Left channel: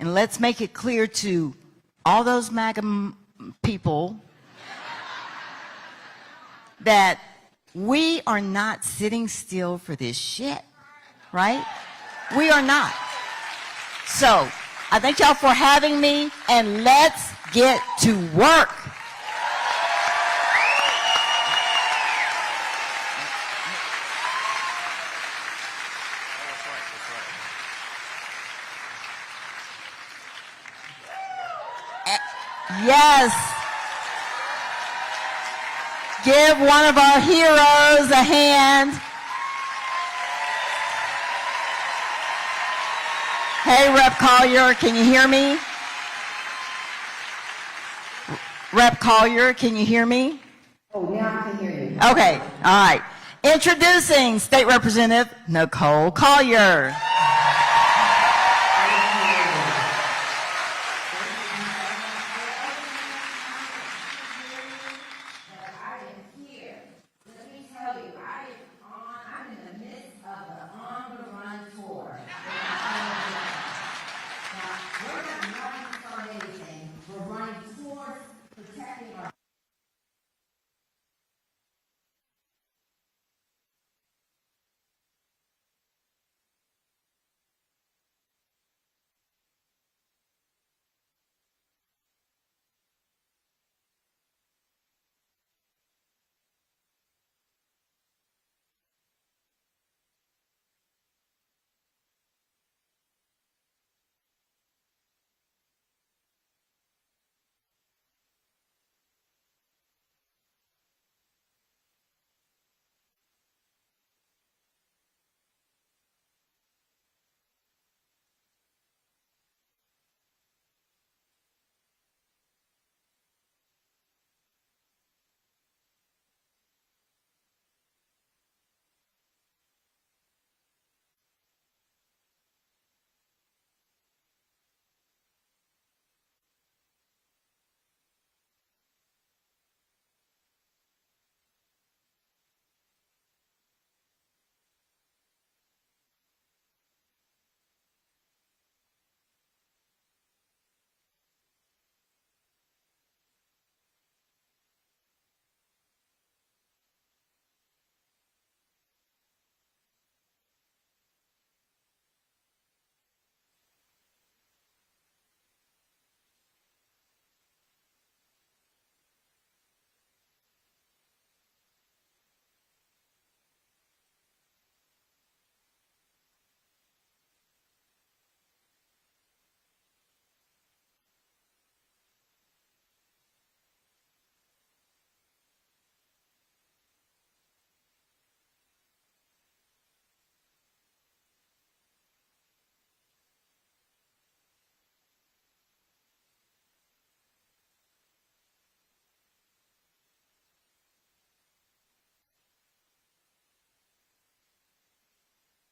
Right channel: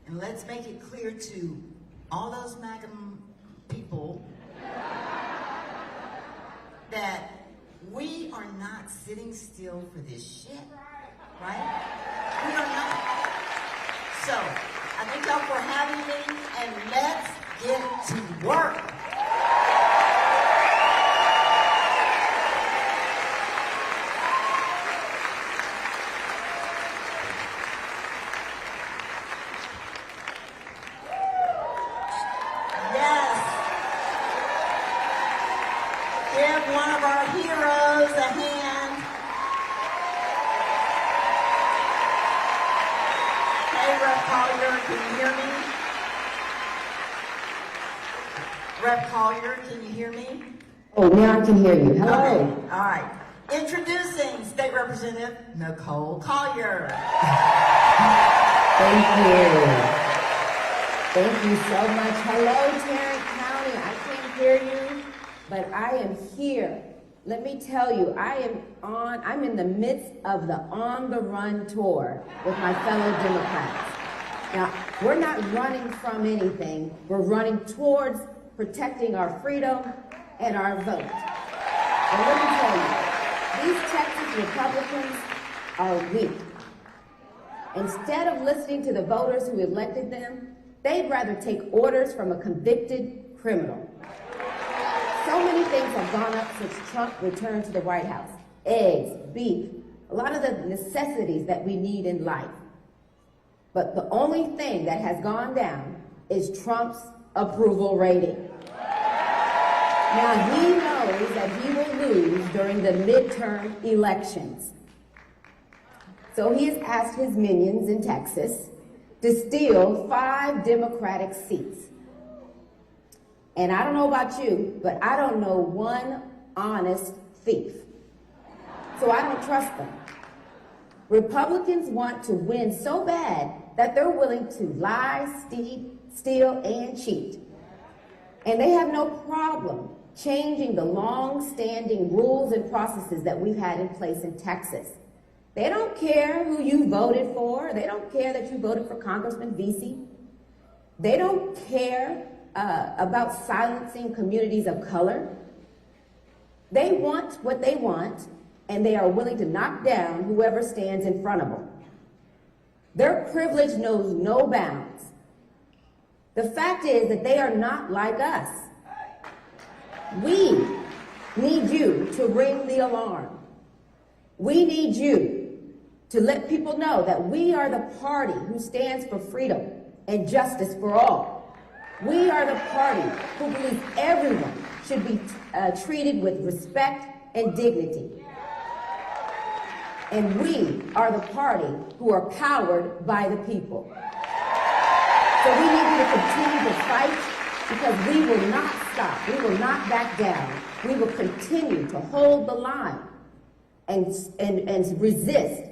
And let's make it clear to all those MAGA people that we are not sitting still for this shit, right? We are not. So, I thank y'all for having me, and let's get to work. Yes. Give one of our heroes a hand. Hey, Rep. Collier, can you hear me? Rep. Collier, can you hear me? Oh, now I can hear you. Okay, all right. Introducing State Representative Nicole Collier. Thank you. Thank you so much. Hello, Tarrant County. I can't hear you, but I am here. Let me tell you, I'm in the midst of the On the Run tour with my fellow Democrats. Now, we're not running from anything. We're running towards protecting our freedom and our vote. And let me tell you, these Texas Republicans are weak. Instead of listening to the voters who elected them, they'd rather take orders from a convicted criminal. So many things have gone up since Trump returned to the White House. Eggs, beef, a lot of the necessities that we need in life. But the only thing that has gone down is Trump's approval rating. Now, he knows that he will lose during the midterm elections. So he has asked his minions in Texas to steal 5 Democratic seats. And I don't know about you, but I don't know one honest thief. So I don't trust them. Republicans want to win so bad that they're willing to lie, steal, and cheat. And they have no problem changing the long-standing rules and processes that we've had in place in Texas. They don't care who you voted for. They don't care that you voted for Congressman Veasey. They don't care about silencing communities of color. They want what they want, and they are willing to knock down whoever stands in front of them. Their privilege knows no bounds. The fact is that they are not like us. We need you to ring the alarm. We need you to let people know that we are the party who stands for freedom and justice for all. We are the party who believes everyone should be treated with respect and dignity. And we are the party who are powered by the people. So we need you to continue to fight, because we will not stop. We will not back down. We will continue to hold the line and resist.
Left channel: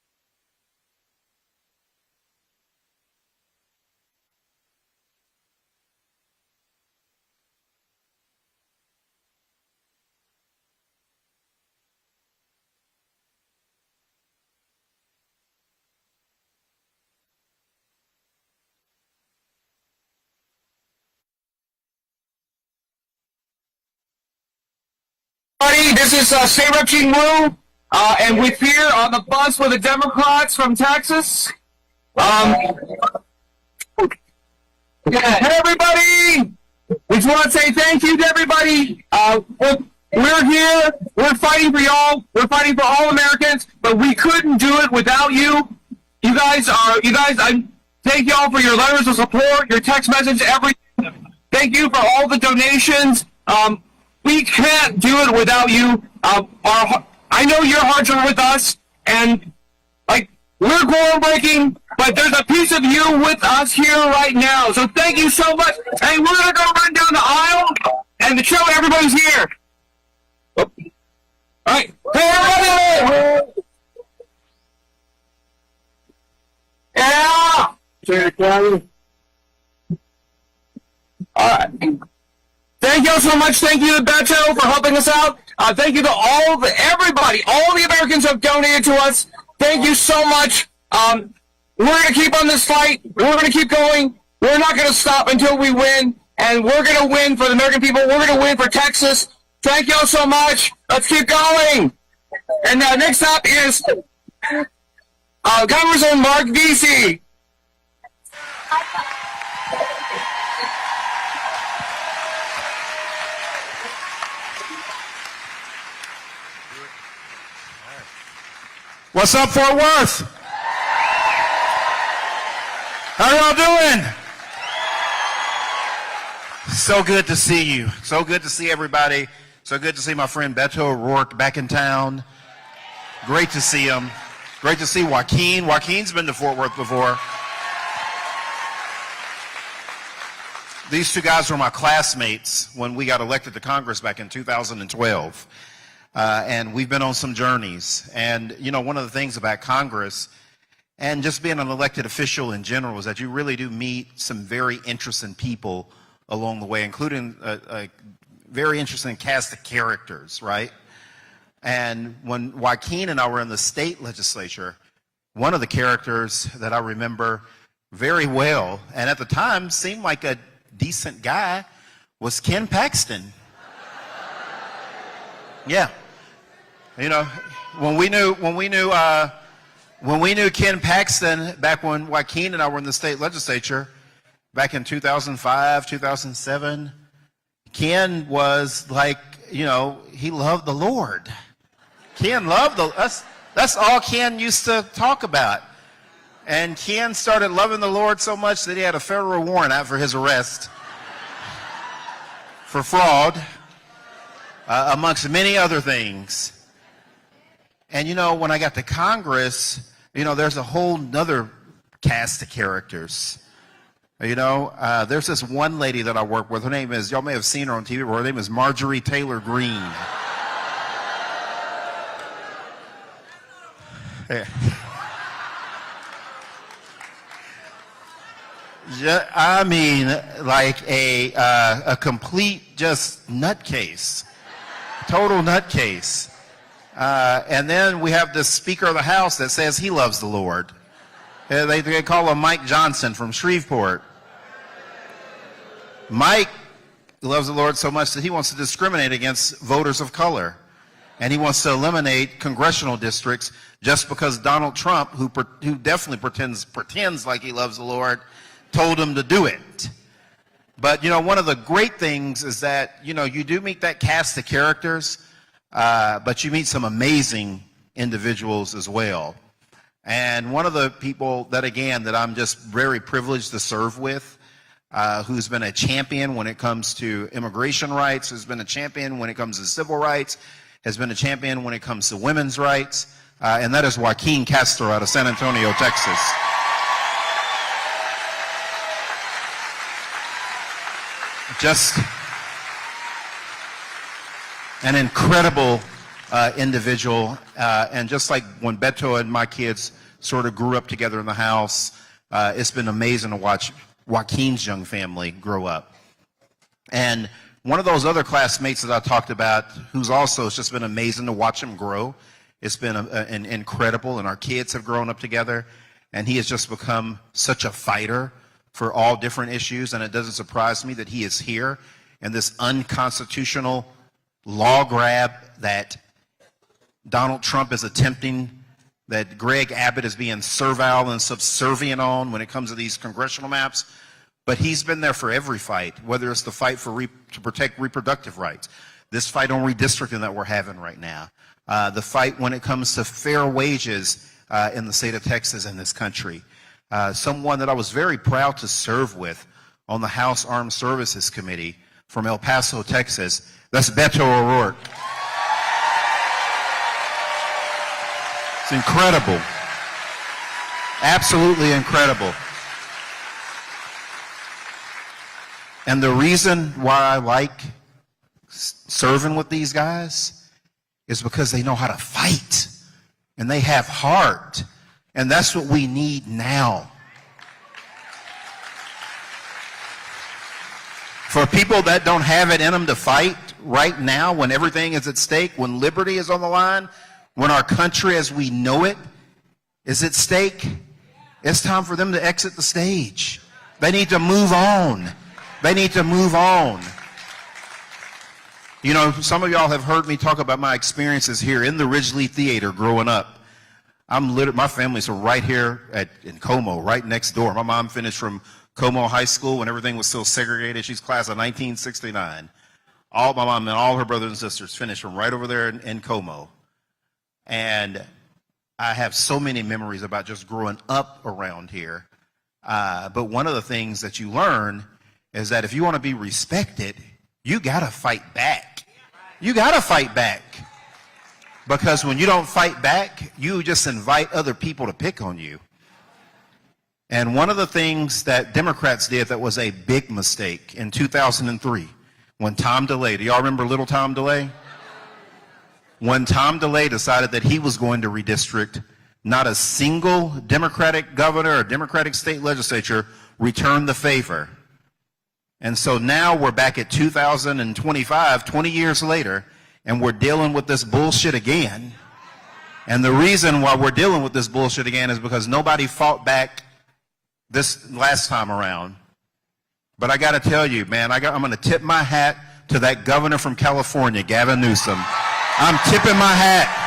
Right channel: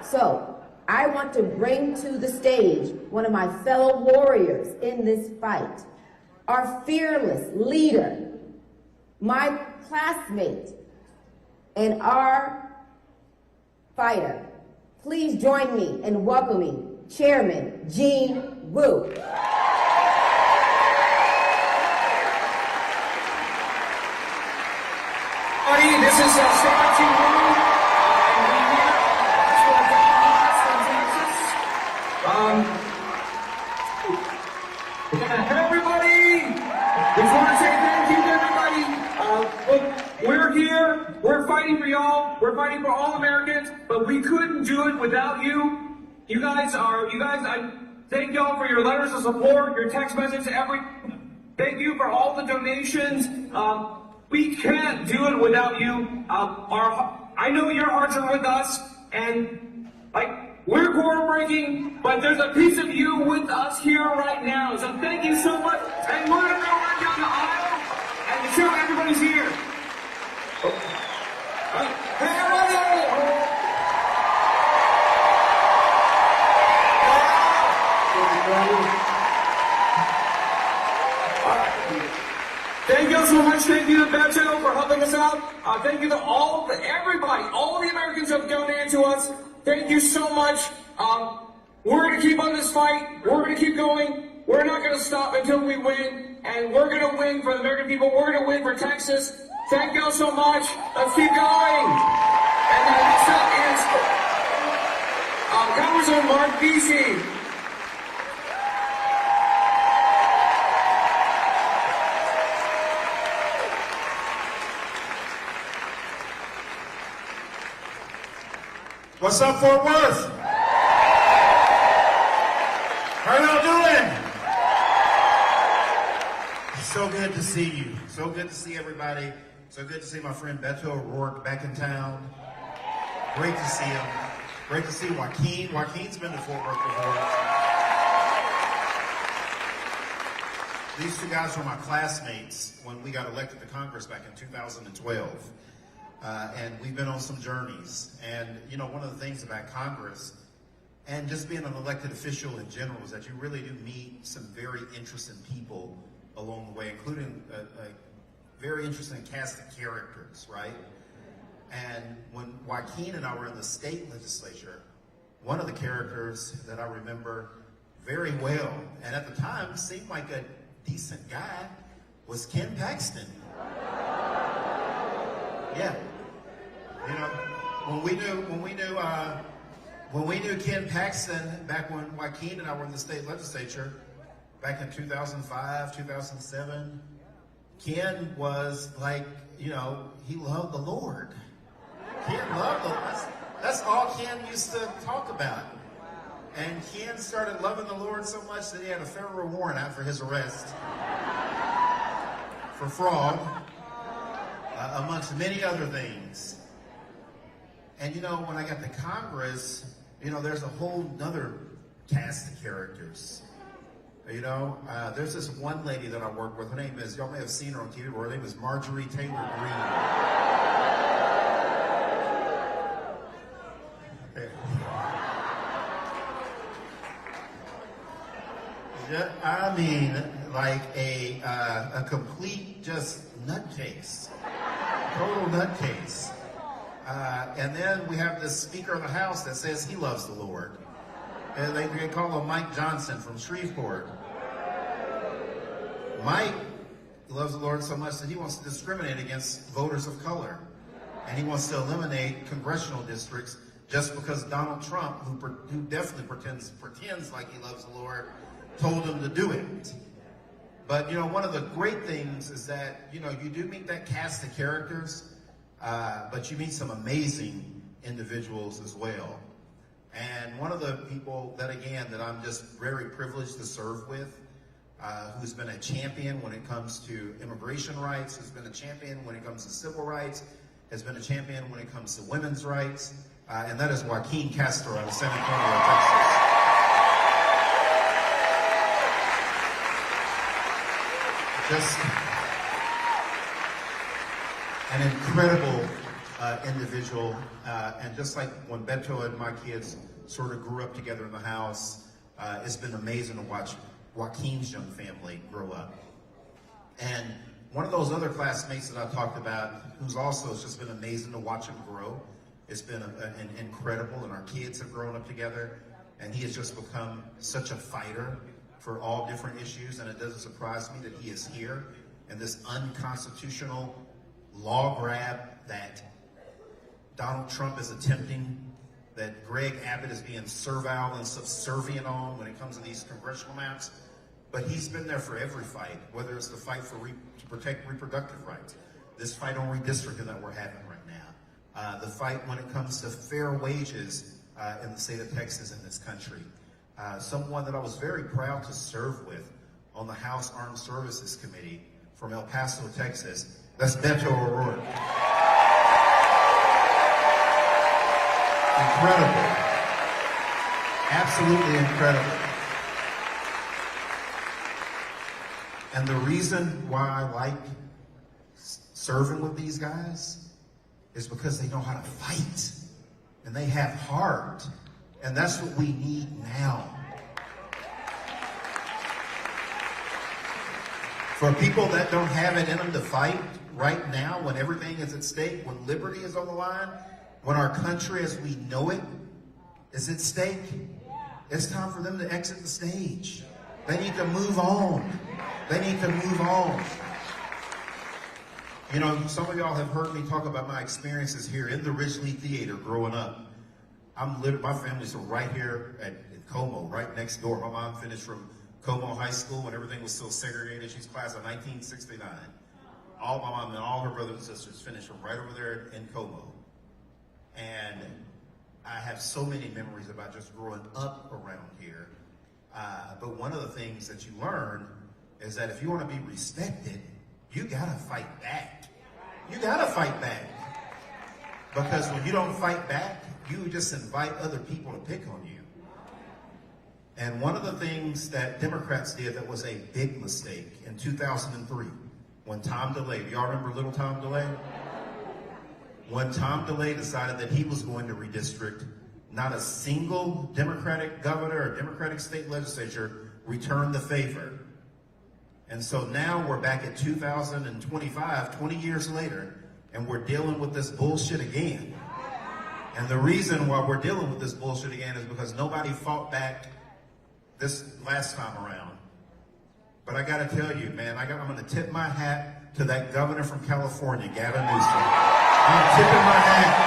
So I want to bring to the stage one of my fellow warriors in this fight, our fearless leader, my classmate, and our fighter. Please join me in welcoming Chairman Gene Wu. This is State Rep Gene Wu, and we're here on the bus for the Democrats from Texas. Hey everybody! We just want to say thank you to everybody. We're here, we're fighting for y'all, we're fighting for all Americans, but we couldn't do it without you. You guys, I thank y'all for your letters of support, your text message, thank you for all the donations. We can't do it without you. I know your hearts are with us, and we're groundbreaking, but there's a piece of you with us here right now. So thank you so much. And we're gonna go run down the aisle and show everybody's here. All right, hey everybody! Yeah. All right. Thank you all so much. Thank you to Beto for helping us out. Thank you to everybody, all the Americans who have donated to us. Thank you so much. We're going to keep on this fight. We're going to keep going. We're not going to stop until we win. And we're going to win for the American people. We're going to win for Texas. Thank y'all so much. Let's keep going. And next up is Congressman Mark Veasey. What's up, Fort Worth? How y'all doing? So good to see you. So good to see everybody. So good to see my friend Beto O'Rourke back in town. Great to see him. Great to see Joaquin. Joaquin's been to Fort Worth before. These two guys were my classmates when we got elected to Congress back in 2012. And we've been on some journeys. And, you know, one of the things about Congress and just being an elected official in general is that you really do meet some very interesting people along the way, including a very interesting cast of characters, right? And when Joaquin and I were in the state legislature, one of the characters that I remember very well, and at the time seemed like a decent guy, was Ken Paxton. Yeah. You know, when we knew Ken Paxton back when Joaquin and I were in the state legislature back in 2005, 2007, Ken was like, you know, he loved the Lord. Ken loved that's all Ken used to talk about. And Ken started loving the Lord so much that he had a federal warrant out for his arrest for fraud, amongst many other things. And, you know, when I got to Congress, you know, there's a whole nother cast of characters. You know, there's this one lady that I work with. Her name is, y'all may have seen her on TV, her name is Marjorie Taylor Greene. I mean, like a complete just nutcase, total nutcase. And then we have this Speaker of the House that says he loves the Lord. They call him Mike Johnson from Shreveport. Mike loves the Lord so much that he wants to discriminate against voters of color. And he wants to eliminate congressional districts just because Donald Trump, who definitely pretends like he loves the Lord, told him to do it. But, you know, one of the great things is that, you know, you do meet that cast of characters, but you meet some amazing individuals as well. And one of the people that, again, that I'm just very privileged to serve with, who's been a champion when it comes to immigration rights, who's been a champion when it comes to civil rights, has been a champion when it comes to women's rights, and that is Joaquin Castro out of San Antonio, Texas. Just an incredible individual, and just like when Beto and my kids sort of grew up together in the house, it's been amazing to watch Joaquin's young family grow up. And one of those other classmates that I talked about, who's also, it's just been amazing to watch him grow. It's been an incredible, and our kids have grown up together, and he has just become such a fighter for all different issues, and it doesn't surprise me that he is here in this unconstitutional law grab that Donald Trump is attempting, that Greg Abbott is being servile and subservient on when it comes to these congressional maps. But he's been there for every fight, whether it's the fight to protect reproductive rights, this fight on redistricting that we're having right now, the fight when it comes to fair wages in the state of Texas and this country. Someone that I was very proud to serve with on the House Armed Services Committee from El Paso, Texas. That's Beto O'Rourke. It's incredible. Absolutely incredible. And the reason why I like serving with these guys is because they know how to fight and they have heart. And that's what we need now. For people that don't have it in them to fight right now, when everything is at stake, when liberty is on the line, when our country as we know it is at stake. It's time for them to exit the stage. They need to move on. They need to move on. You know, some of y'all have heard me talk about my experiences here in the Ridgely Theater growing up. My family's right here in Como, right next door. My mom finished from Como High School when everything was still segregated. She's class of 1969. My mom and all her brothers and sisters finished from right over there in Como. And I have so many memories about just growing up around here. But one of the things that you learn is that if you want to be respected, you got to fight back. You got to fight back. Because when you don't fight back, you just invite other people to pick on you. And one of the things that Democrats did that was a big mistake in 2003, when Tom DeLay, do y'all remember little Tom DeLay? When Tom DeLay decided that he was going to redistrict, not a single Democratic governor or Democratic state legislature returned the favor. And so now we're back at 2025, 20 years later, and we're dealing with this bullshit again. And the reason why we're dealing with this bullshit again is because nobody fought back this last time around. But I got to tell you, man, I'm going to tip my hat to that governor from California, Gavin Newsom. I'm tipping my hat.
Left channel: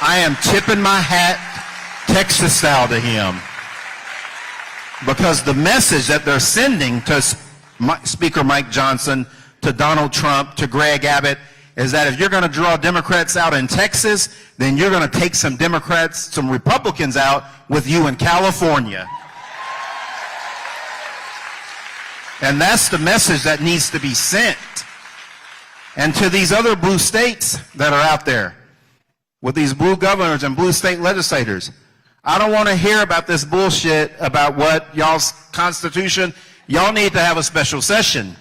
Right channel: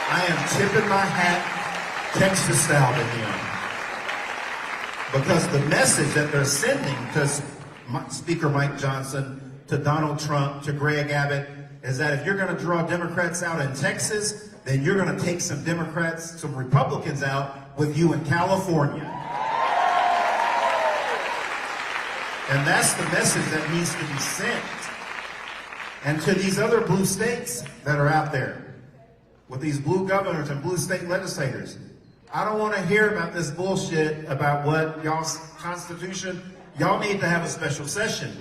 I am tipping my hat Texas style to him. Because the message that they're sending to Speaker Mike Johnson, to Donald Trump, to Greg Abbott, is that if you're going to draw Democrats out in Texas, then you're going to take some Democrats, some Republicans out with you in California. And that's the message that needs to be sent. And to these other blue states that are out there, with these blue governors and blue state legislators, I don't want to hear about this bullshit about what y'all's Constitution. Y'all need to have a special session.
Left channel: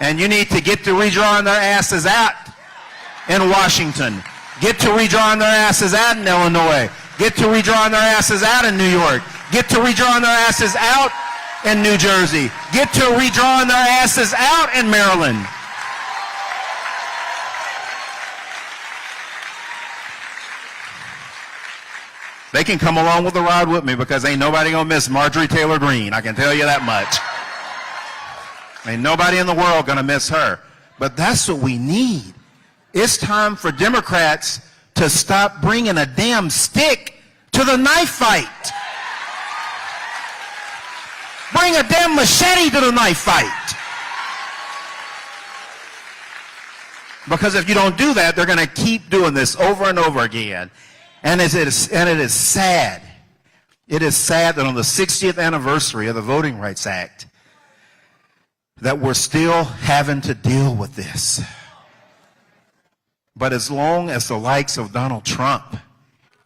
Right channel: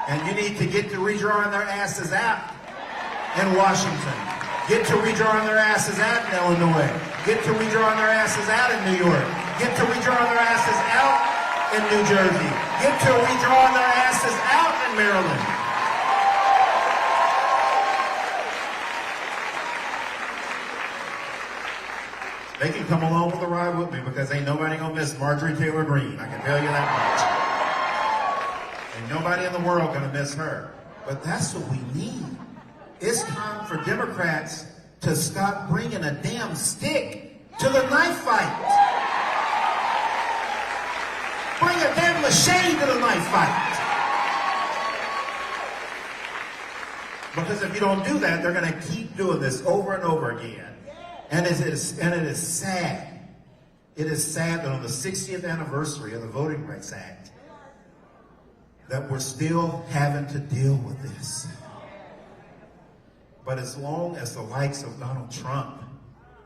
And you need to get to redrawing their asses out in Washington. Get to redrawing their asses out in Illinois. Get to redrawing their asses out in New York. Get to redrawing their asses out in New Jersey. Get to redrawing their asses out in Maryland. They can come along with the ride with me because ain't nobody gonna miss Marjorie Taylor Greene. I can tell you that much. Ain't nobody in the world gonna miss her. But that's what we need. It's time for Democrats to stop bringing a damn stick to the knife fight. Bring a damn machete to the knife fight. Because if you don't do that, they're gonna keep doing this over and over again. And it is sad. It is sad that on the 60th anniversary of the Voting Rights Act, that we're still having to deal with this. But as long as the likes of Donald Trump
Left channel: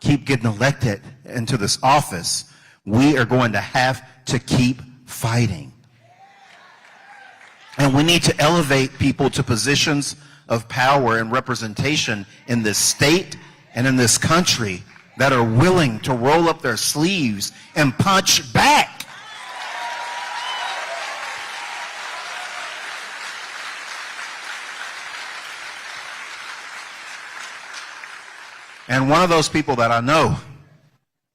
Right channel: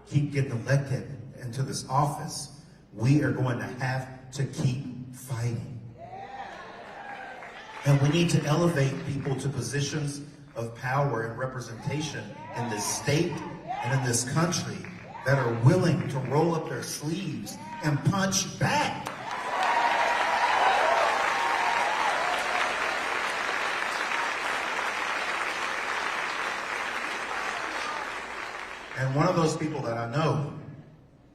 keep getting elected into this office, we are going to have to keep fighting. And we need to elevate people to positions of power and representation in this state and in this country that are willing to roll up their sleeves and punch back. And one of those people that I know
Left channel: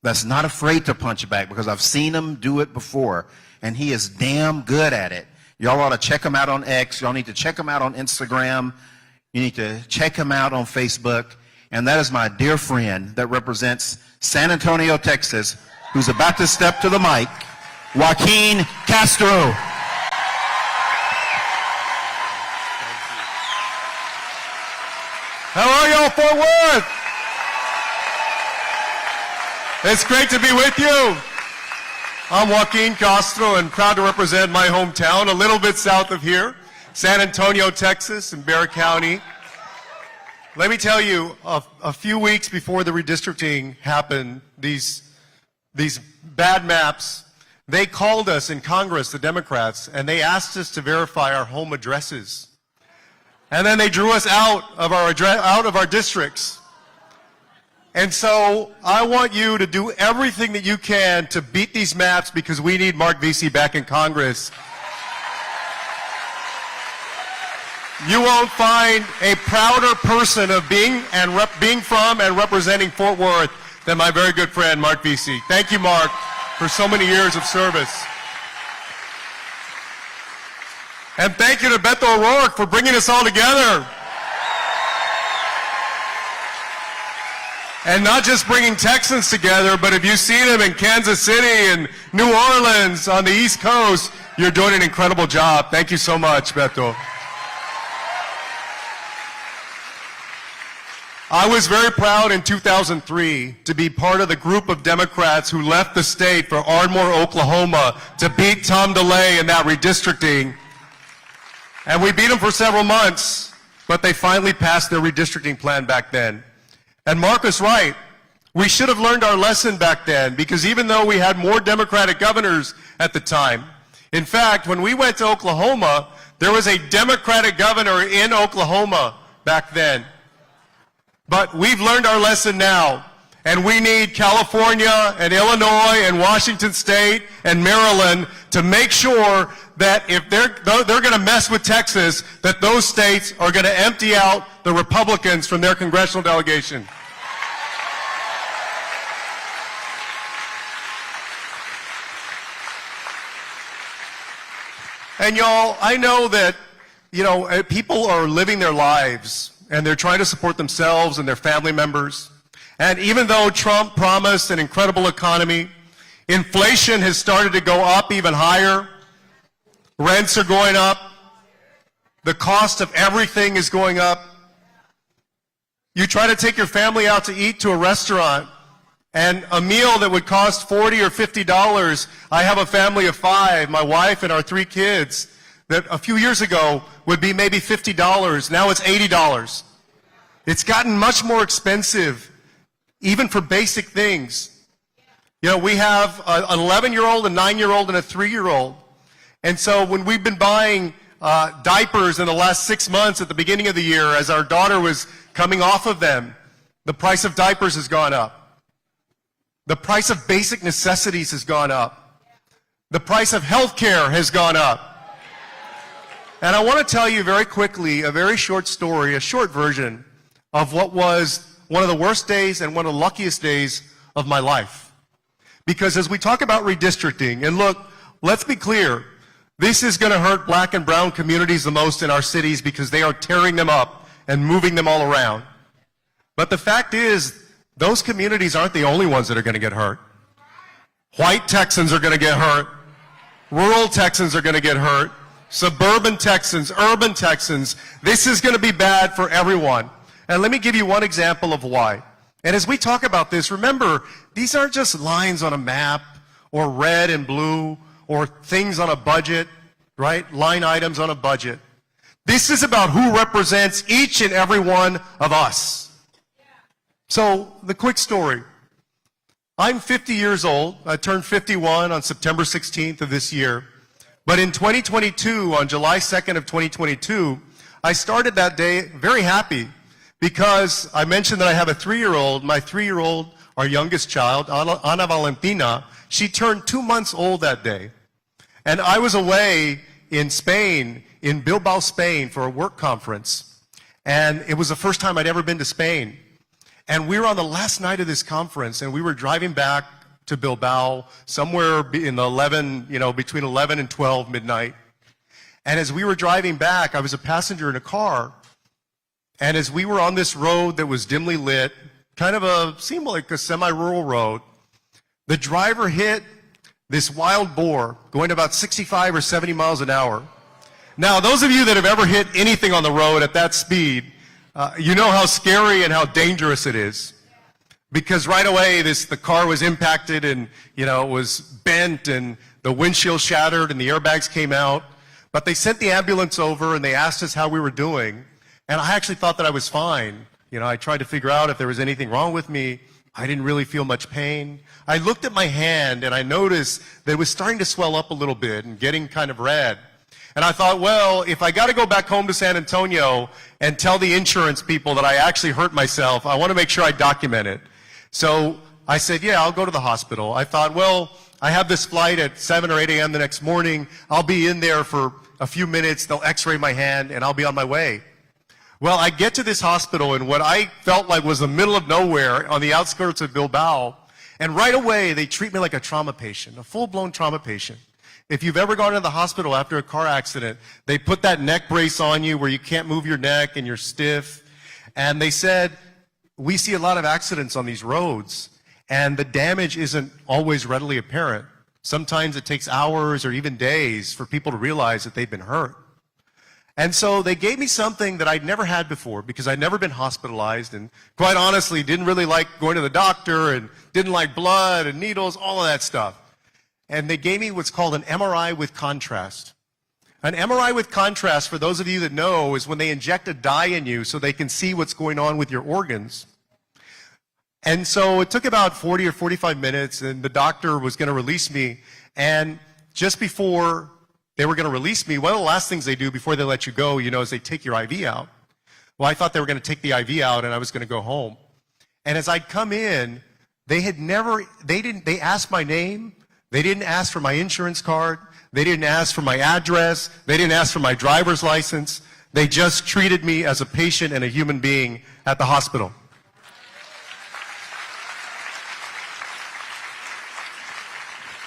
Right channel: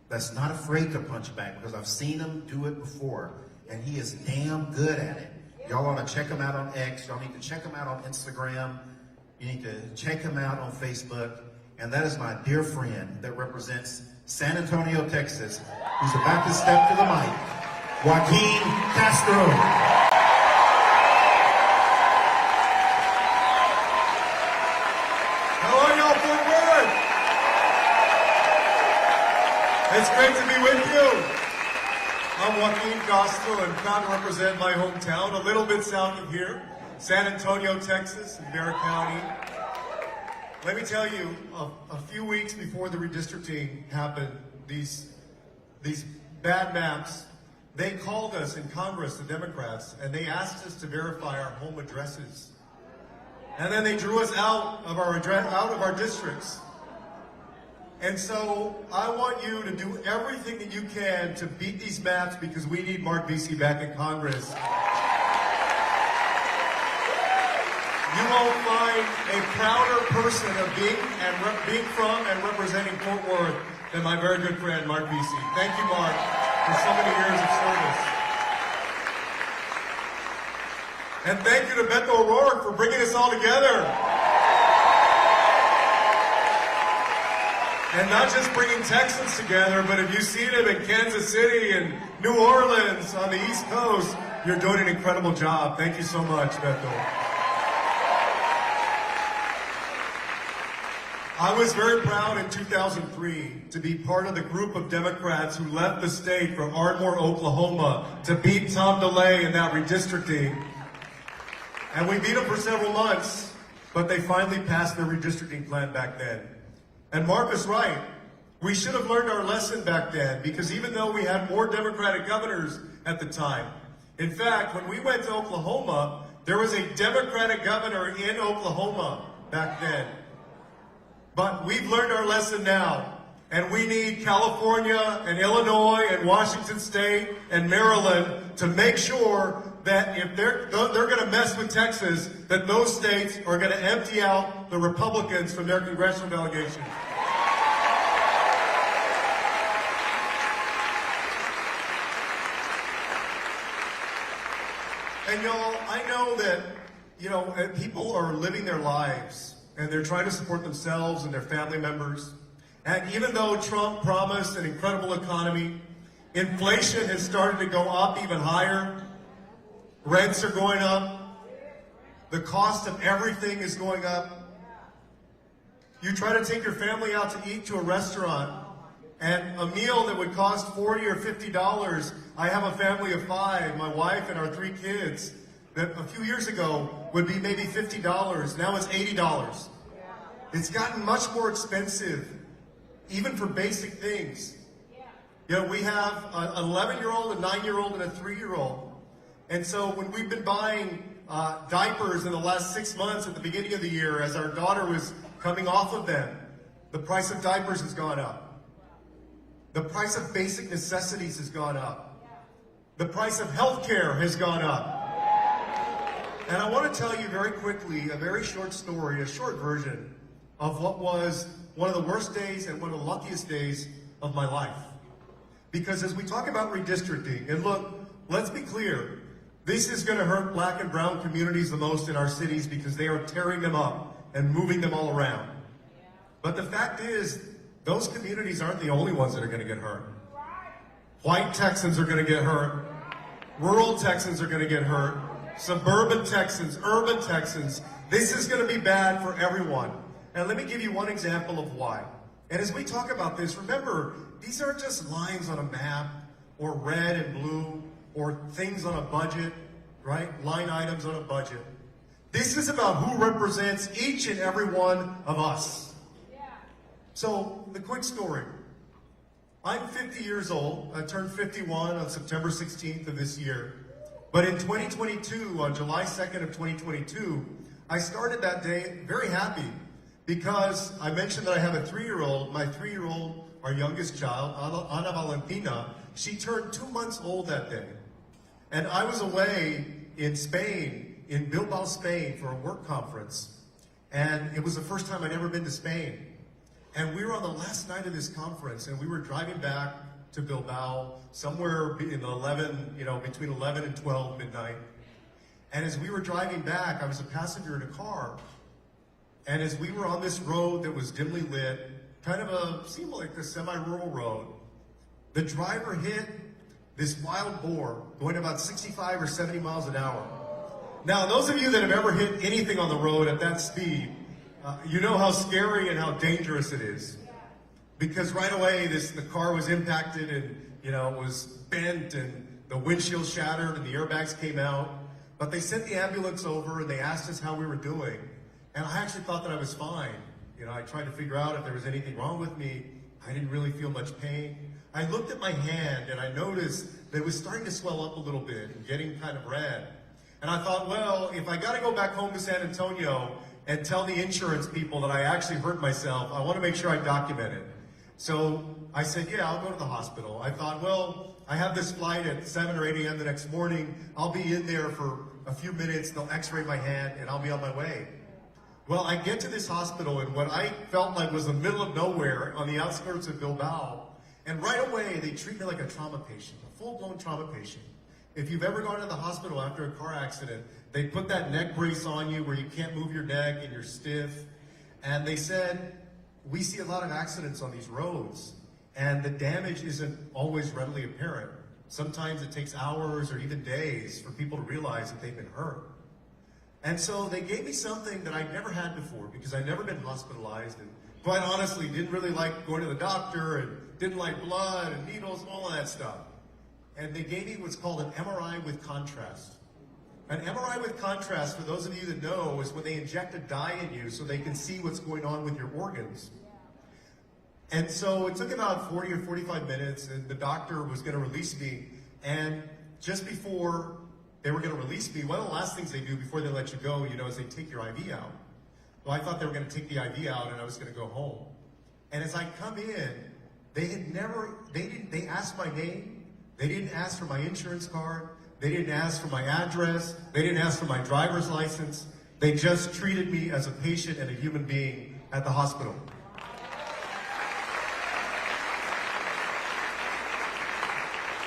that's not afraid to punch back, because I've seen him do it before, and he is damn good at it. Y'all ought to check him out on X. Y'all need to check him out on Instagram. You need to check him out on Facebook. And that is my dear friend that represents San Antonio, Texas, who's about to step to the mic, Joaquin Castro. How are y'all, Fort Worth? It's great to be with you. I'm Joaquin Castro and proud to represent my hometown, a little bit south of here, San Antonio, Texas, in Bexar County. Let me tell you, a few weeks before the redistricting happened, these bad maps, they called us in Congress, the Democrats, and they asked us to verify our home addresses. And then they drew us out of our districts. And so I want you to do everything that you can to beat these maps, because we need Mark Veasey back in Congress. You won't find a prouder person of being from and representing Fort Worth than my very good friend, Mark Veasey. Thank you, Mark, for so many years of service. And thank you to Beto O'Rourke for bringing us all together. And not just bringing Texans together, but if you see them in Kansas City and New Orleans on the East Coast, you're doing an incredible job. Thank you so much, Beto. I was very proud in 2003 to be part of the group of Democrats who left the state for Ardmore, Oklahoma to beat Tom DeLay in that redistricting. And we beat them for several months, but they finally passed their redistricting plan back then. And Mark was right. We should have learned our lesson back then, because even though we had more Democratic governors at the time, in fact, when we went to Oklahoma, there was a Democratic governor in Oklahoma back then. But we've learned our lesson now, and we need California and Illinois and Washington State and Maryland to make sure that if they're going to mess with Texas, that those states are going to empty out the Republicans from their congressional delegation. And y'all, I know that, people are living their lives and they're trying to support themselves and their family members. And even though Trump promised an incredible economy, inflation has started to go up even higher. Rents are going up. The cost of everything is going up. You try to take your family out to eat to a restaurant, and a meal that would cost $40 or $50, I have a family of 5, my wife and our 3 kids, that a few years ago would be maybe $50. Now it's $80. It's gotten much more expensive, even for basic things. We have an 11-year-old, a 9-year-old, and a 3-year-old. And so when we've been buying diapers in the last 6 months at the beginning of the year, as our daughter was coming off of them, the price of diapers has gone up. The price of basic necessities has gone up. The price of health care has gone up. And I want to tell you very quickly a very short story, a short version of what was one of the worst days and one of the luckiest days of my life. Because as we talk about redistricting, and look, let's be clear, this is going to hurt black and brown communities the most in our cities because they are tearing them up and moving them all around. But the fact is, those communities aren't the only ones that are going to get hurt. White Texans are going to get hurt. Rural Texans are going to get hurt. Suburban Texans, urban Texans. This is going to be bad for everyone. And let me give you one example of why. And as we talk about this, remember, these aren't just lines on a map or red and blue or things on a budget, right? Line items on a budget. This is about who represents each and every one of us. So, the quick story. I'm 50 years old. I turned 51 on September 16th of this year. But in 2022, on July 2nd of 2022, I started that day very happy because I mentioned that I have a 3-year-old. My 3-year-old, our youngest child, Ana Valentina, she turned 2 months old that day. And I was away in Spain, in Bilbao, Spain, for a work conference. And it was the first time I'd ever been to Spain. And we were on the last night of this conference, and we were driving back to Bilbao somewhere in the between 11 and 12 midnight. And as we were driving back, I was a passenger in a car. And as we were on this road that was dimly lit, seemed like a semi-rural road, the driver hit this wild boar going about 65 or 70 miles an hour. Now, those of you that have ever hit anything on the road at that speed, you know how scary and how dangerous it is. Because right away, the car was impacted and, it was bent and the windshield shattered and the airbags came out. But they sent the ambulance over and they asked us how we were doing. And I actually thought that I was fine. I tried to figure out if there was anything wrong with me. I didn't really feel much pain. I looked at my hand and I noticed that it was starting to swell up a little bit and getting kind of red. And I thought, well, if I got to go back home to San Antonio and tell the insurance people that I actually hurt myself, I want to make sure I document it. So I said, yeah, I'll go to the hospital. I thought, well, I have this flight at 7 or 8 a.m. the next morning. I'll be in there for a few minutes, they'll x-ray my hand, and I'll be on my way. Well, I get to this hospital in what I felt like was the middle of nowhere on the outskirts of Bilbao, and right away, they treat me like a trauma patient, a full-blown trauma patient. If you've ever gone to the hospital after a car accident, they put that neck brace on you where you can't move your neck and you're stiff. And they said, we see a lot of accidents on these roads, and the damage isn't always readily apparent. Sometimes it takes hours or even days for people to realize that they've been hurt. And so they gave me something that I'd never had before because I'd never been hospitalized and quite honestly didn't really like going to the doctor and didn't like blood and needles, all of that stuff. And they gave me what's called an MRI with contrast. An MRI with contrast, for those of you that know, is when they inject a dye in you so they can see what's going on with your organs. And so it took about 40 or 45 minutes, and the doctor was going to release me. And just before they were going to release me, one of the last things they do before they let you go, you know, is they take your IV out. Well, I thought they were going to take the IV out and I was going to go home. And as I come in, they asked my name. They didn't ask for my insurance card. They didn't ask for my address. They didn't ask for my driver's license. They just treated me as a patient and a human being at the hospital.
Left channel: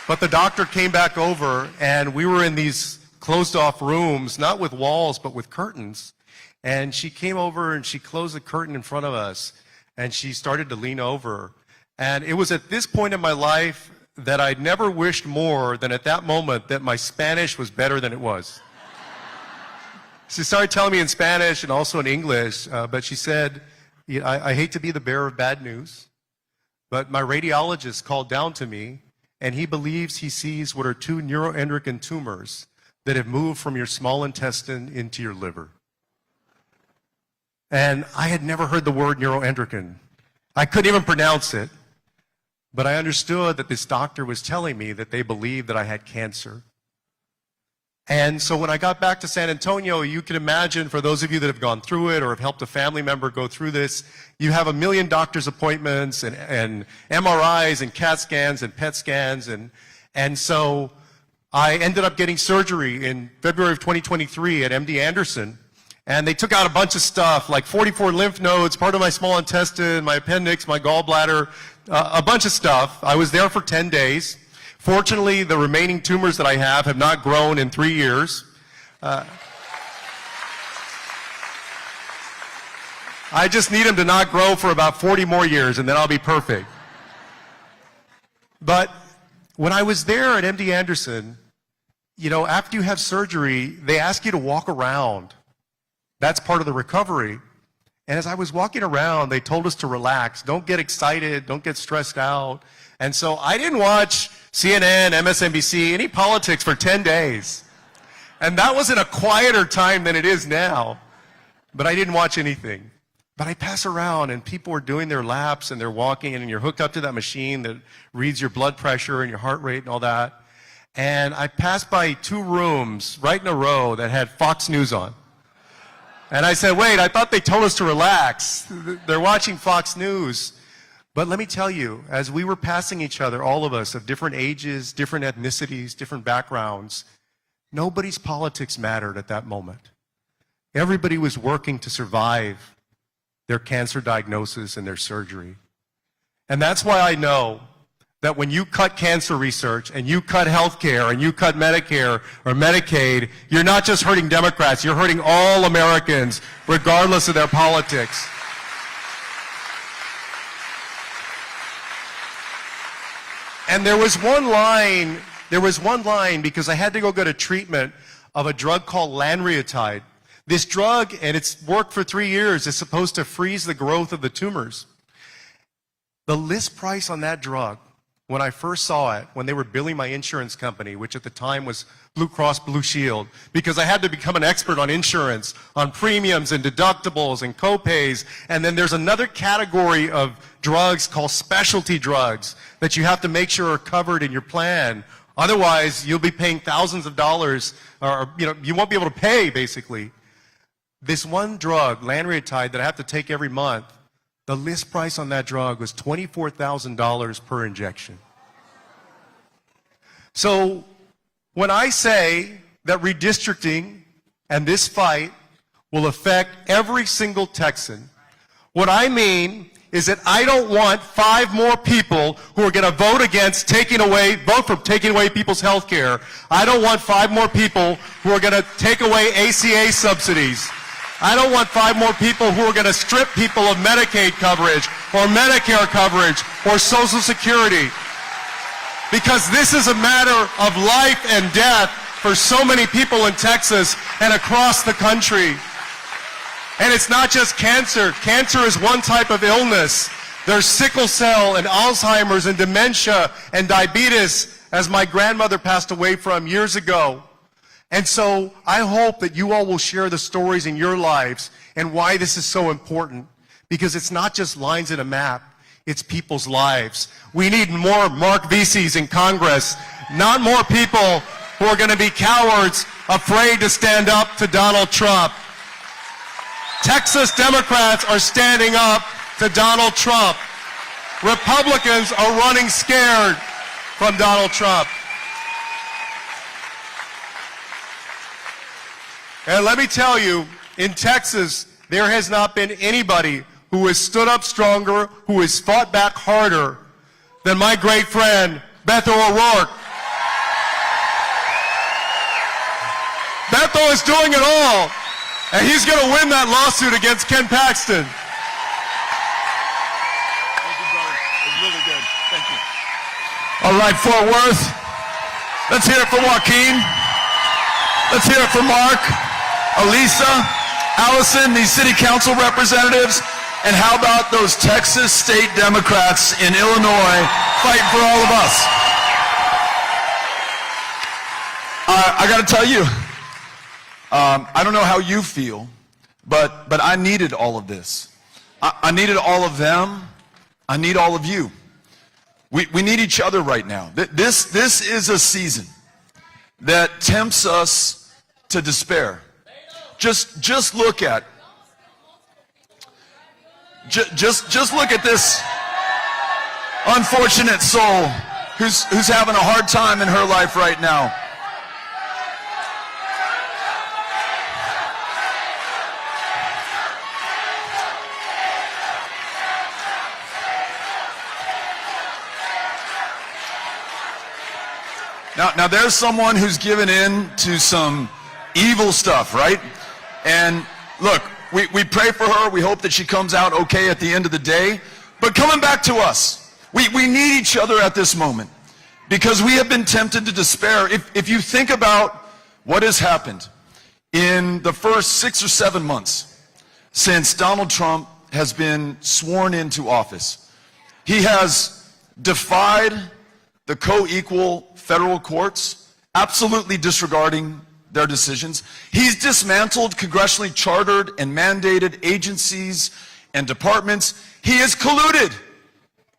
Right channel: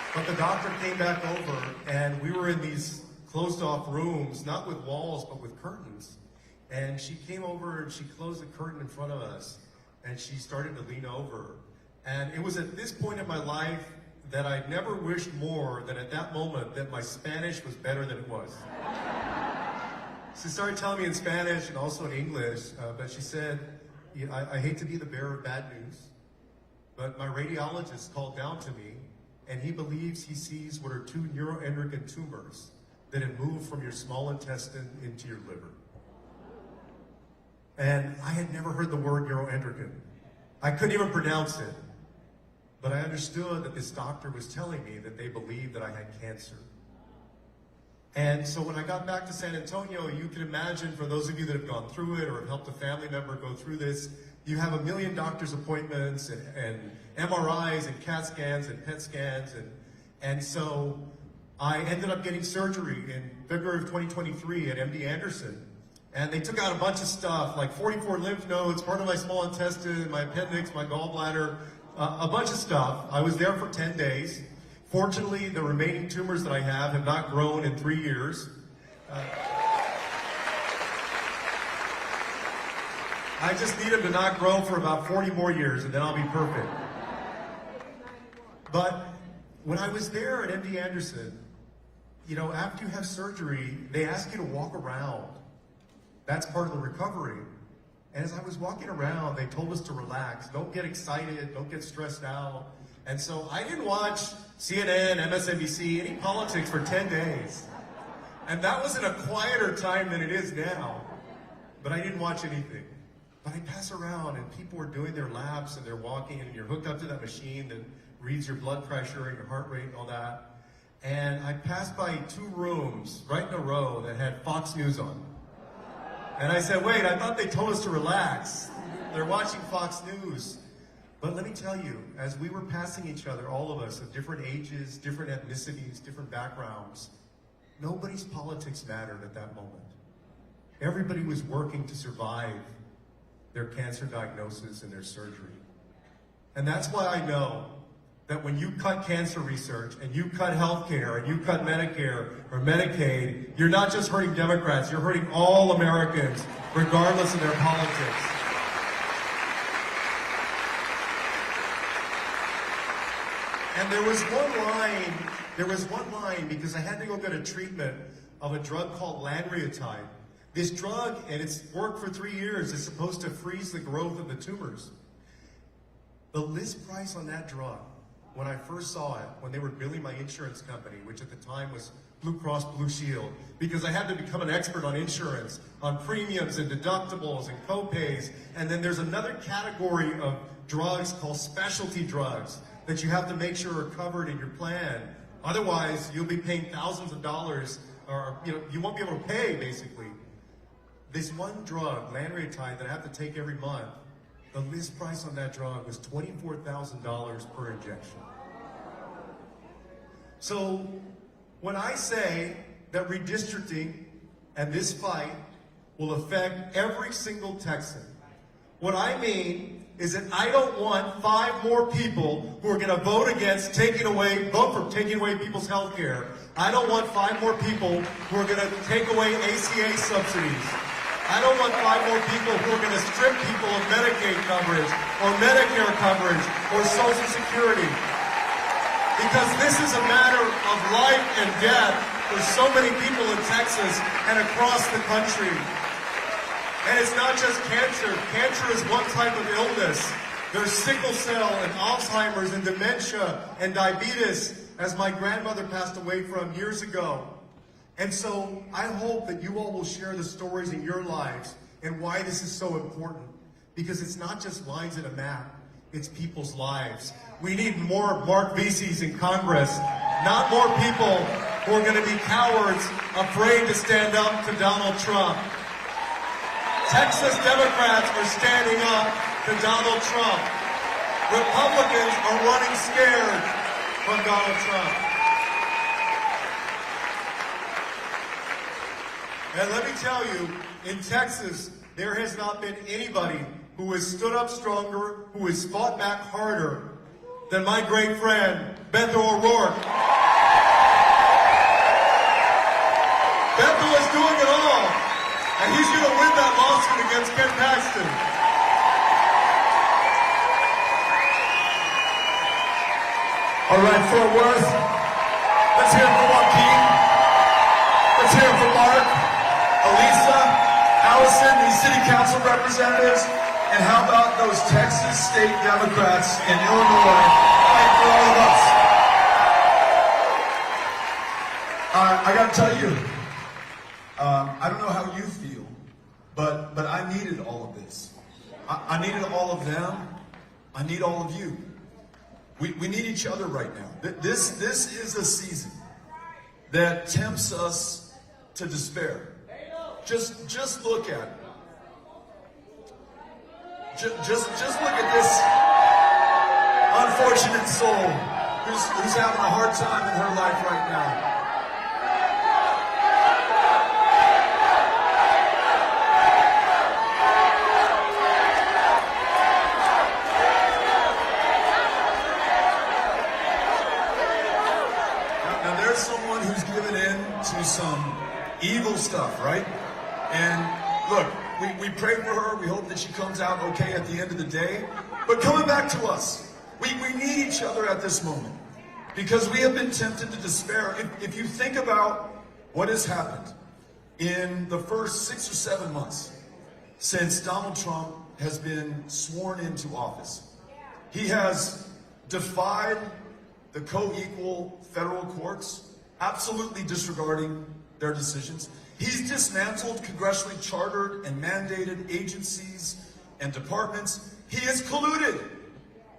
But the doctor came back over, and we were in these closed-off rooms, not with walls, but with curtains. And she came over, and she closed the curtain in front of us, and she started to lean over. And it was at this point in my life that I'd never wished more than at that moment that my Spanish was better than it was. She started telling me in Spanish and also in English, but she said, I hate to be the bearer of bad news, but my radiologist called down to me, and he believes he sees what are 2 neuroendocrine tumors that have moved from your small intestine into your liver. And I had never heard the word neuroendocrine. I couldn't even pronounce it. But I understood that this doctor was telling me that they believed that I had cancer. And so when I got back to San Antonio, you can imagine, for those of you that have gone through it or have helped a family member go through this, you have 1 million doctor's appointments and MRIs and CAT scans and PET scans. And so I ended up getting surgery in February of 2023 at MD Anderson. And they took out a bunch of stuff, like 44 lymph nodes, part of my small intestine, my appendix, my gallbladder, a bunch of stuff. I was there for 10 days. Fortunately, the remaining tumors that I have not grown in 3 years. I just need them to not grow for about 40 more years, and then I'll be perfect. But when I was there at MD Anderson, you know, after you have surgery, they ask you to walk around. That's part of the recovery. And as I was walking around, they told us to relax. Don't get excited. Don't get stressed out. And so I didn't watch CNN, MSNBC, any politics for 10 days. And that was in a quieter time than it is now. But I didn't watch anything. But I pass around, and people are doing their laps, and they're walking, and you're hooked up to that machine that reads your blood pressure and your heart rate and all that. And I passed by 2 rooms right in a row that had Fox News on. And I said, wait, I thought they told us to relax. They're watching Fox News. But let me tell you, as we were passing each other, all of us of different ages, different ethnicities, different backgrounds, nobody's politics mattered at that moment. Everybody was working to survive their cancer diagnosis and their surgery. And that's why I know that when you cut cancer research and you cut healthcare and you cut Medicare or Medicaid, you're not just hurting Democrats, you're hurting all Americans, regardless of their politics. And there was one line because I had to go get a treatment of a drug called lanreotide. This drug, and it's worked for 3 years, is supposed to freeze the growth of the tumors. The list price on that drug, when I first saw it, when they were billing my insurance company, which at the time was Blue Cross Blue Shield, because I had to become an expert on insurance, on premiums and deductibles and co-pays, and then there's another category of drugs called specialty drugs that you have to make sure are covered in your plan. Otherwise, you'll be paying thousands of dollars, or you won't be able to pay, basically. This one drug, lanreotide, that I have to take every month, the list price on that drug was $24,000 per injection. So when I say that redistricting and this fight will affect every single Texan. What I mean is that I don't want 5 more people who are going to vote for taking away people's health care. I don't want 5 more people who are going to take away ACA subsidies. I don't want 5 more people who are going to strip people of Medicaid coverage or Medicare coverage or Social Security. Because this is a matter of life and death for so many people in Texas and across the country. And it's not just cancer. Cancer is one type of illness. There's sickle cell and Alzheimer's and dementia and diabetes, as my grandmother passed away from years ago. And so I hope that you all will share the stories in your lives and why this is so important. Because it's not just lines in a map, it's people's lives. We need more Mark Veaseys in Congress, not more people who are going to be cowards, afraid to stand up to Donald Trump. Texas Democrats are standing up to Donald Trump. Republicans are running scared from Donald Trump. And let me tell you, in Texas, there has not been anybody who has stood up stronger, who has fought back harder than my great friend, Beto O'Rourke. Beto is doing it all, and he's going to win that lawsuit against Ken Paxton. All right, Fort Worth, let's hear it for Joaquin. Let's hear it for Mark, Elisa, Allison, these city council representatives, and how about those Texas state Democrats in Illinois fighting for all of us? I gotta tell you, I don't know how you feel, but I needed all of this. I needed all of them. I need all of you. We need each other right now. This is a season that tempts us to despair. Just look at just look at this unfortunate soul who's having a hard time in her life right now. Now there's someone who's given in to some evil stuff, right? And look, we pray for her. We hope that she comes out okay at the end of the day. But coming back to us, we need each other at this moment because we have been tempted to despair. If you think about what has happened in the first 6 or 7 months since Donald Trump has been sworn into office, he has defied the co-equal federal courts, absolutely disregarding their decisions. He's dismantled congressionally chartered and mandated agencies and departments. He has colluded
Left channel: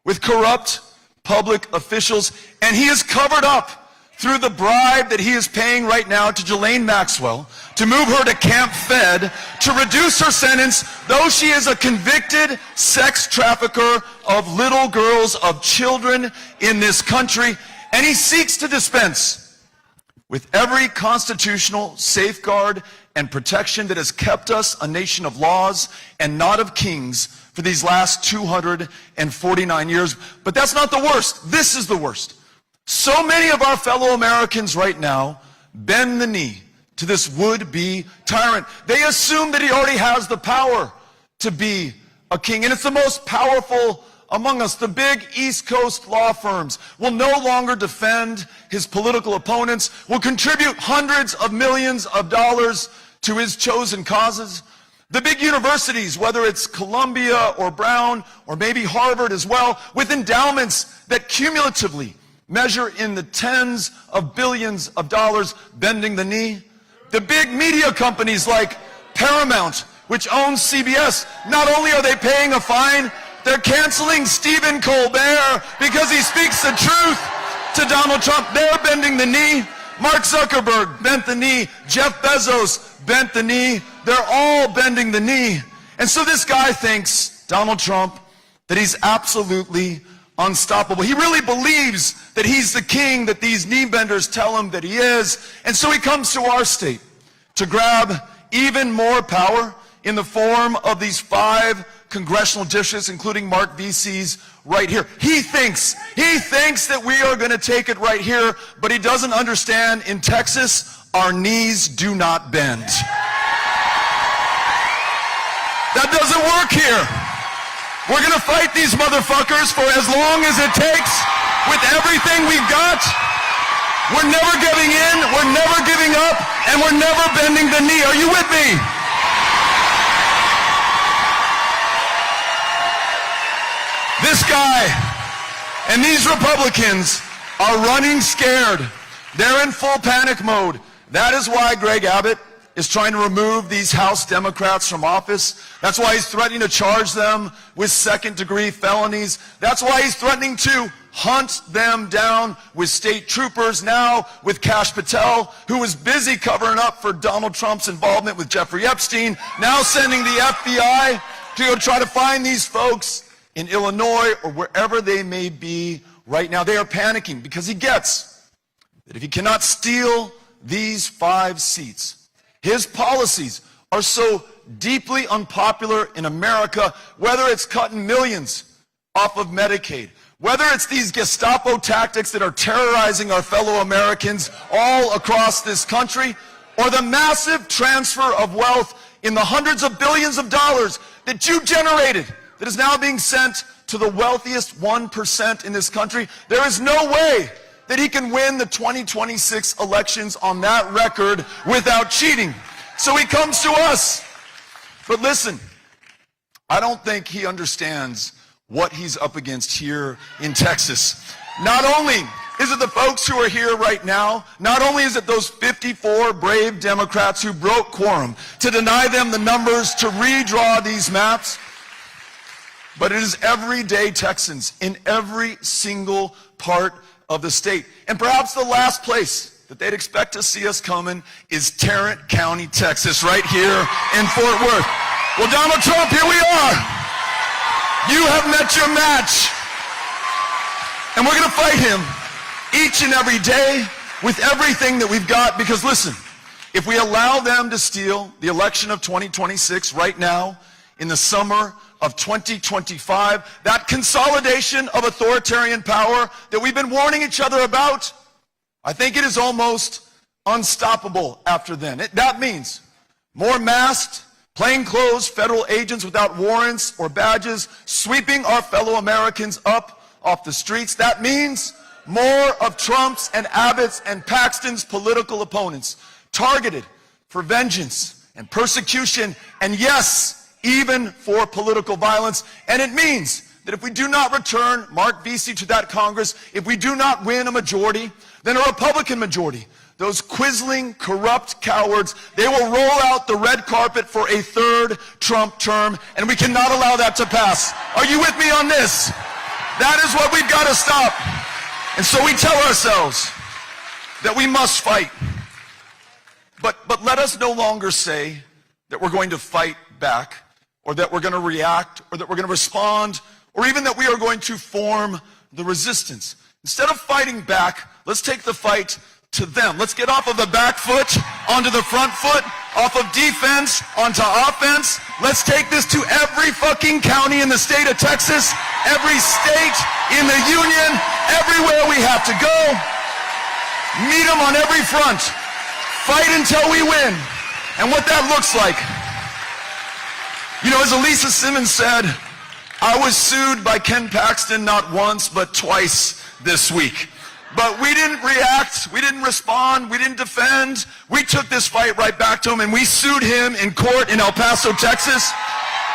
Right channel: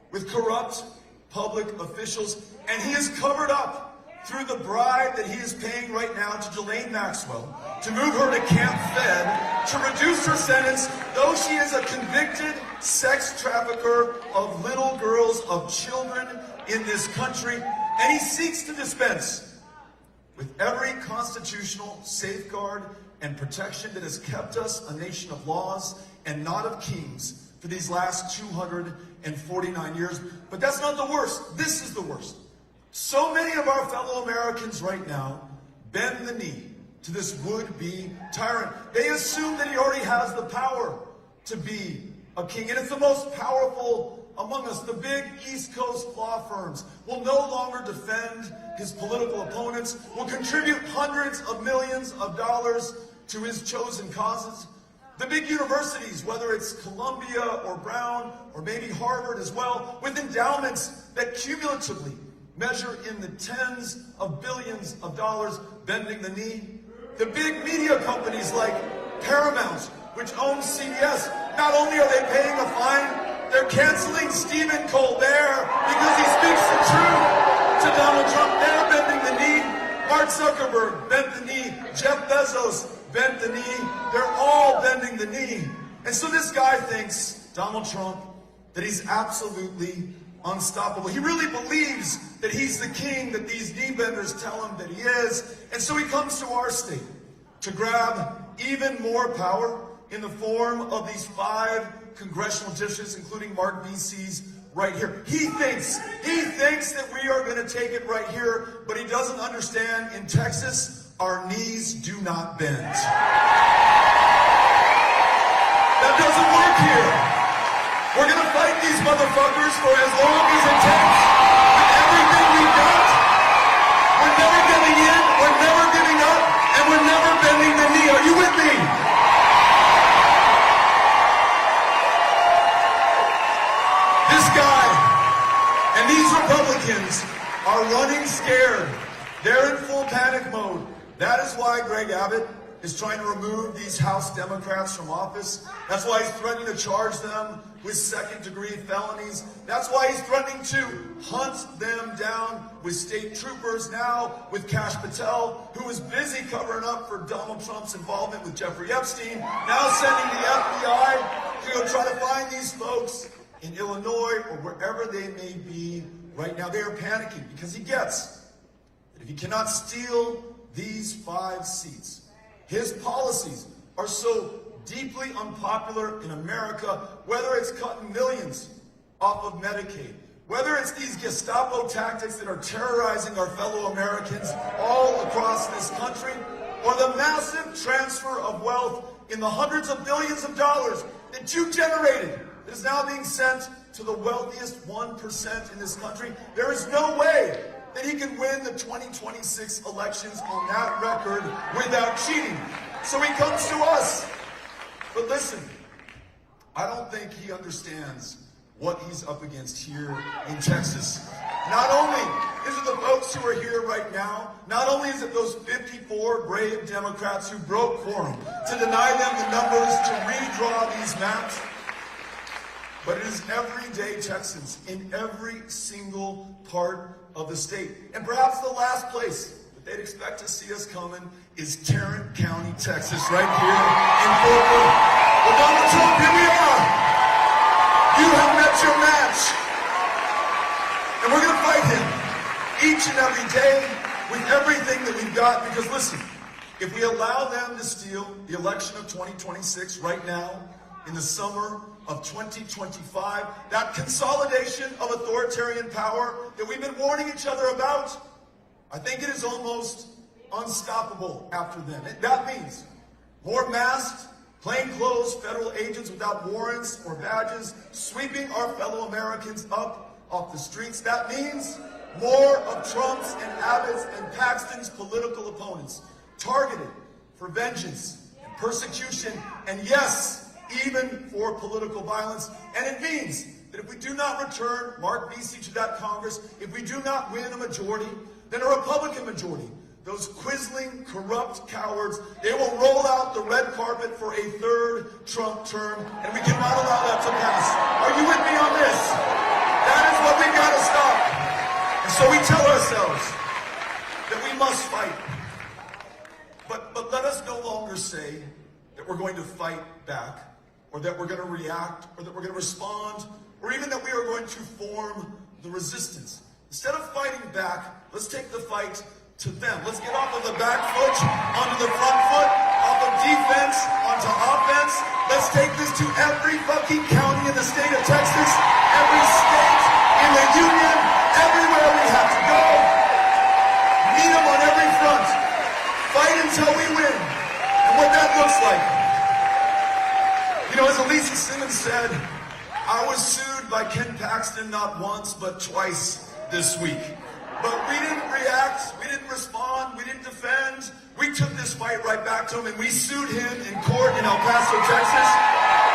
with corrupt public officials, and he has covered up through the bribe that he is paying right now to Ghislaine Maxwell to move her to Camp Fed to reduce her sentence, though she is a convicted sex trafficker of little girls, of children in this country, and he seeks to dispense with every constitutional safeguard and protection that has kept us a nation of laws and not of kings for these last 249 years. But that's not the worst. This is the worst. So many of our fellow Americans right now bend the knee to this would-be tyrant. They assume that he already has the power to be a king, and it's the most powerful among us. The big East Coast law firms will no longer defend his political opponents, will contribute hundreds of millions of dollars to his chosen causes. The big universities, whether it's Columbia or Brown or maybe Harvard as well, with endowments that cumulatively measure in the tens of billions of dollars, bending the knee. The big media companies like Paramount, which owns CBS, not only are they paying a fine, they're canceling Stephen Colbert because he speaks the truth to Donald Trump. They're bending the knee. Mark Zuckerberg bent the knee. Jeff Bezos bent the knee. They're all bending the knee. And so this guy thinks, Donald Trump, that he's absolutely unstoppable. He really believes that he's the king that these knee benders tell him that he is. And so he comes to our state to grab even more power in the form of these 5 congressional districts, including Mark Veasey's right here. He thinks that we are going to take it right here, but he doesn't understand in Texas, our knees do not bend. That doesn't work here. We're going to fight these motherfuckers for as long as it takes with everything we've got. We're never giving in, we're never giving up, and we're never bending the knee. Are you with me? This guy and these Republicans are running scared. They're in full panic mode. That is why Greg Abbott is trying to remove these House Democrats from office. That's why he's threatening to charge them with second-degree felonies. That's why he's threatening to hunt them down with state troopers, now with Kash Patel, who was busy covering up for Donald Trump's involvement with Jeffrey Epstein, now sending the FBI to go try to find these folks in Illinois or wherever they may be right now. They are panicking because he gets that if he cannot steal these 5 seats, his policies are so deeply unpopular in America, whether it's cutting millions off of Medicaid, whether it's these Gestapo tactics that are terrorizing our fellow Americans all across this country, or the massive transfer of wealth in the hundreds of billions of dollars that you generated that is now being sent to the wealthiest 1% in this country. There is no way that he can win the 2026 elections on that record without cheating. So he comes to us. But listen, I don't think he understands what he's up against here in Texas. Not only is it the folks who are here right now, not only is it those 54 brave Democrats who broke quorum to deny them the numbers to redraw these maps, but it is everyday Texans in every single part of the state. And perhaps the last place that they'd expect to see us coming is Tarrant County, Texas, right here in Fort Worth. Well, Donald Trump, here we are. You have met your match. And we're going to fight him each and every day with everything that we've got, because listen, if we allow them to steal the election of 2026 right now, in the summer of 2025, that consolidation of authoritarian power that we've been warning each other about, I think it is almost unstoppable after then. That means more masked, plainclothes federal agents without warrants or badges sweeping our fellow Americans up off the streets. That means more of Trump's and Abbott's and Paxton's political opponents targeted for vengeance and persecution, and yes, even for political violence. And it means that if we do not return Mark Veasey to that Congress, if we do not win a majority, then a Republican majority, those quisling, corrupt cowards, they will roll out the red carpet for a 3rd Trump term, and we cannot allow that to pass. Are you with me on this? That is what we've got to stop. And so we tell ourselves that we must fight. But let us no longer say that we're going to fight back, or that we're going to react, or that we're going to respond, or even that we are going to form the resistance. Instead of fighting back, let's take the fight to them. Let's get off of the back foot onto the front foot, off of defense onto offense. Let's take this to every fucking county in the state of Texas, every state in the union, everywhere we have to go. Meet them on every front. Fight until we win. And what that looks like, you know, as Elisa Simmons said, I was sued by Ken Paxton not once but twice this week. But we didn't react, we didn't respond, we didn't defend. We took this fight right back to him, and we sued him in court in El Paso, Texas.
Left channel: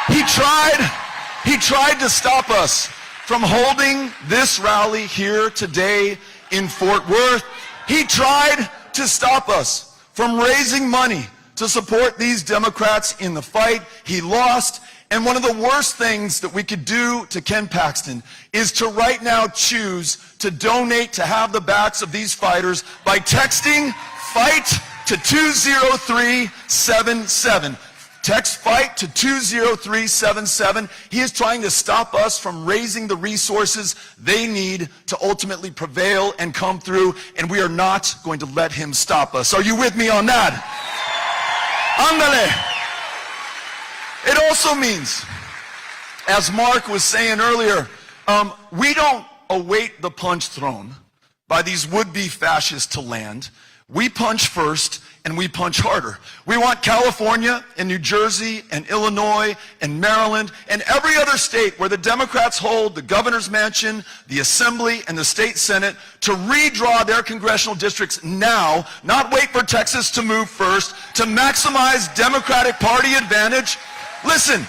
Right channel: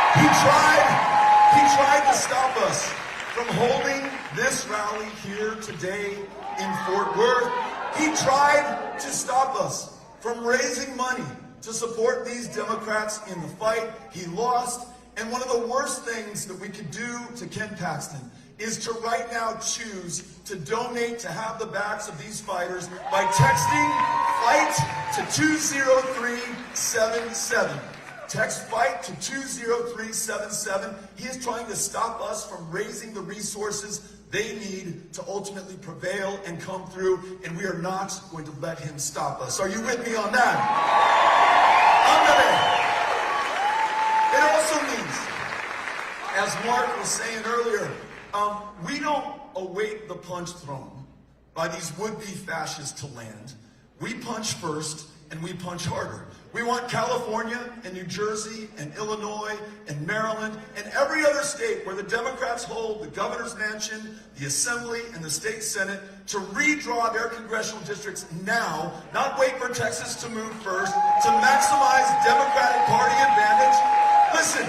He tried to stop us from holding this rally here today in Fort Worth. He tried to stop us from raising money to support these Democrats in the fight. He lost. And one of the worst things that we could do to Ken Paxton is to right now choose to donate to have the backs of these fighters by texting FIGHT to 20377. Text FIGHT to 20377. He is trying to stop us from raising the resources they need to ultimately prevail and come through, and we are not going to let him stop us. Are you with me on that? Ándale. It also means, as Mark was saying earlier, we don't await the punch thrown by these would-be fascists to land. We punch first, and we punch harder. We want California and New Jersey and Illinois and Maryland and every other state where the Democrats hold the governor's mansion, the assembly, and the state senate to redraw their congressional districts now, not wait for Texas to move first, to maximize Democratic Party advantage. Listen,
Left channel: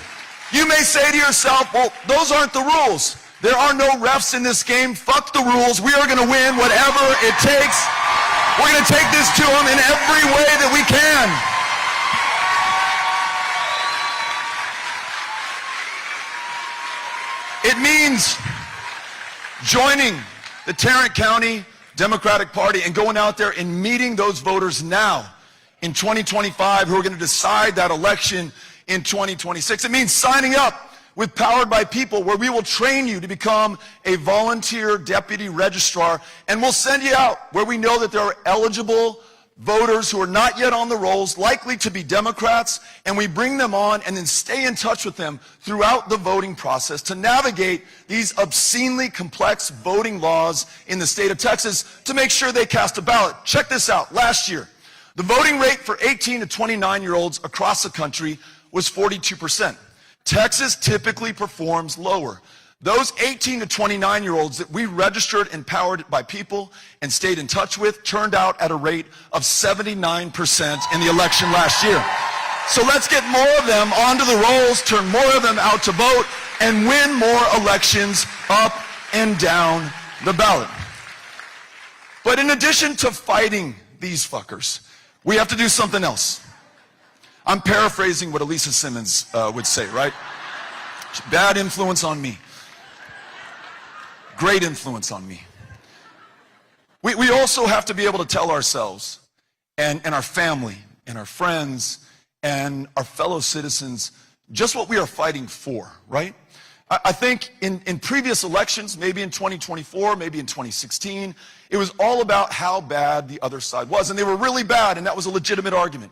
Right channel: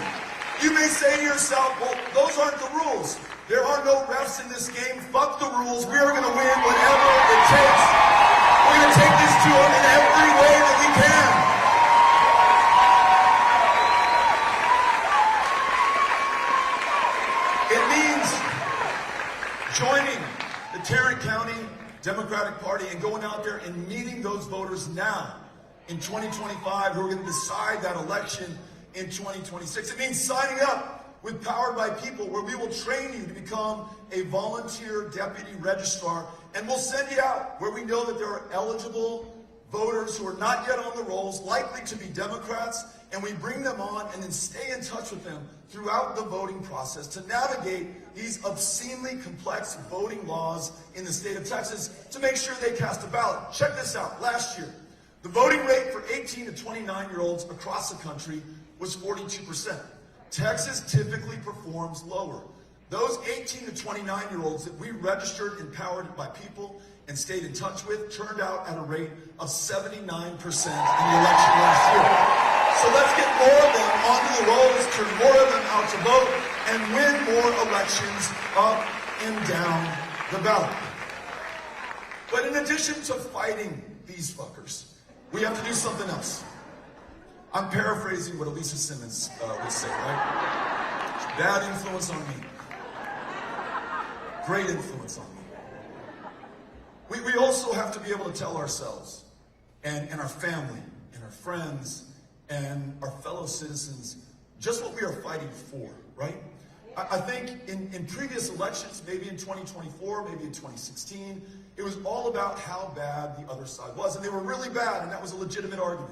you may say to yourself, well, those aren't the rules. There are no refs in this game. Fuck the rules. We are going to win whatever it takes. We're going to take this to them in every way that we can. It means joining the Tarrant County Democratic Party and going out there and meeting those voters now in 2025 who are going to decide that election in 2026. It means signing up with Powered by People, where we will train you to become a volunteer deputy registrar, and we'll send you out where we know that there are eligible voters who are not yet on the rolls, likely to be Democrats, and we bring them on and then stay in touch with them throughout the voting process to navigate these obscenely complex voting laws in the state of Texas to make sure they cast a ballot. Check this out. Last year, the voting rate for 18 to 29-year-olds across the country was 42%. Texas typically performs lower. Those 18 to 29-year-olds that we registered and Powered by People and stayed in touch with turned out at a rate of 79% in the election last year. So let's get more of them onto the rolls, turn more of them out to vote, and win more elections up and down the ballot. But in addition to fighting these fuckers, we have to do something else. I'm paraphrasing what Elisa Simmons would say, right? Bad influence on me. Great influence on me. We also have to be able to tell ourselves and our family and our friends and our fellow citizens just what we are fighting for, right? I think in previous elections, maybe in 2024, maybe in 2016, it was all about how bad the other side was, and they were really bad, and that was a legitimate argument.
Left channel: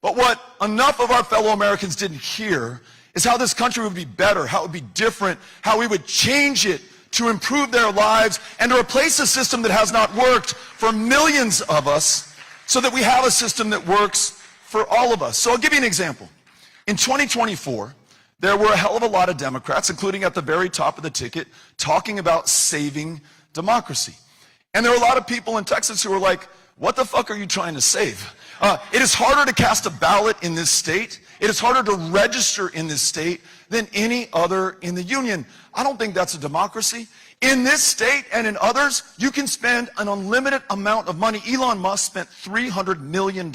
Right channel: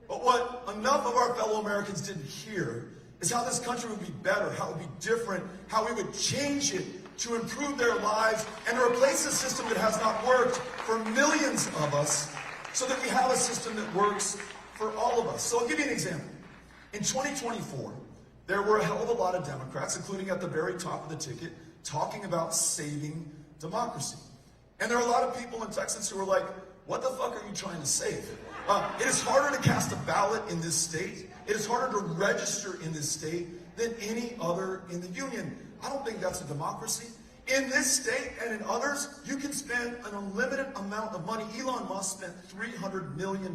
But what enough of our fellow Americans didn't hear is how this country would be better, how it would be different, how we would change it to improve their lives and to replace a system that has not worked for millions of us so that we have a system that works for all of us. So I'll give you an example. In 2024, there were a hell of a lot of Democrats, including at the very top of the ticket, talking about saving democracy. And there were a lot of people in Texas who were like, what the fuck are you trying to save? It is harder to cast a ballot in this state. It is harder to register in this state than any other in the union. I don't think that's a democracy. In this state and in others, you can spend an unlimited amount of money. Elon Musk spent $300 million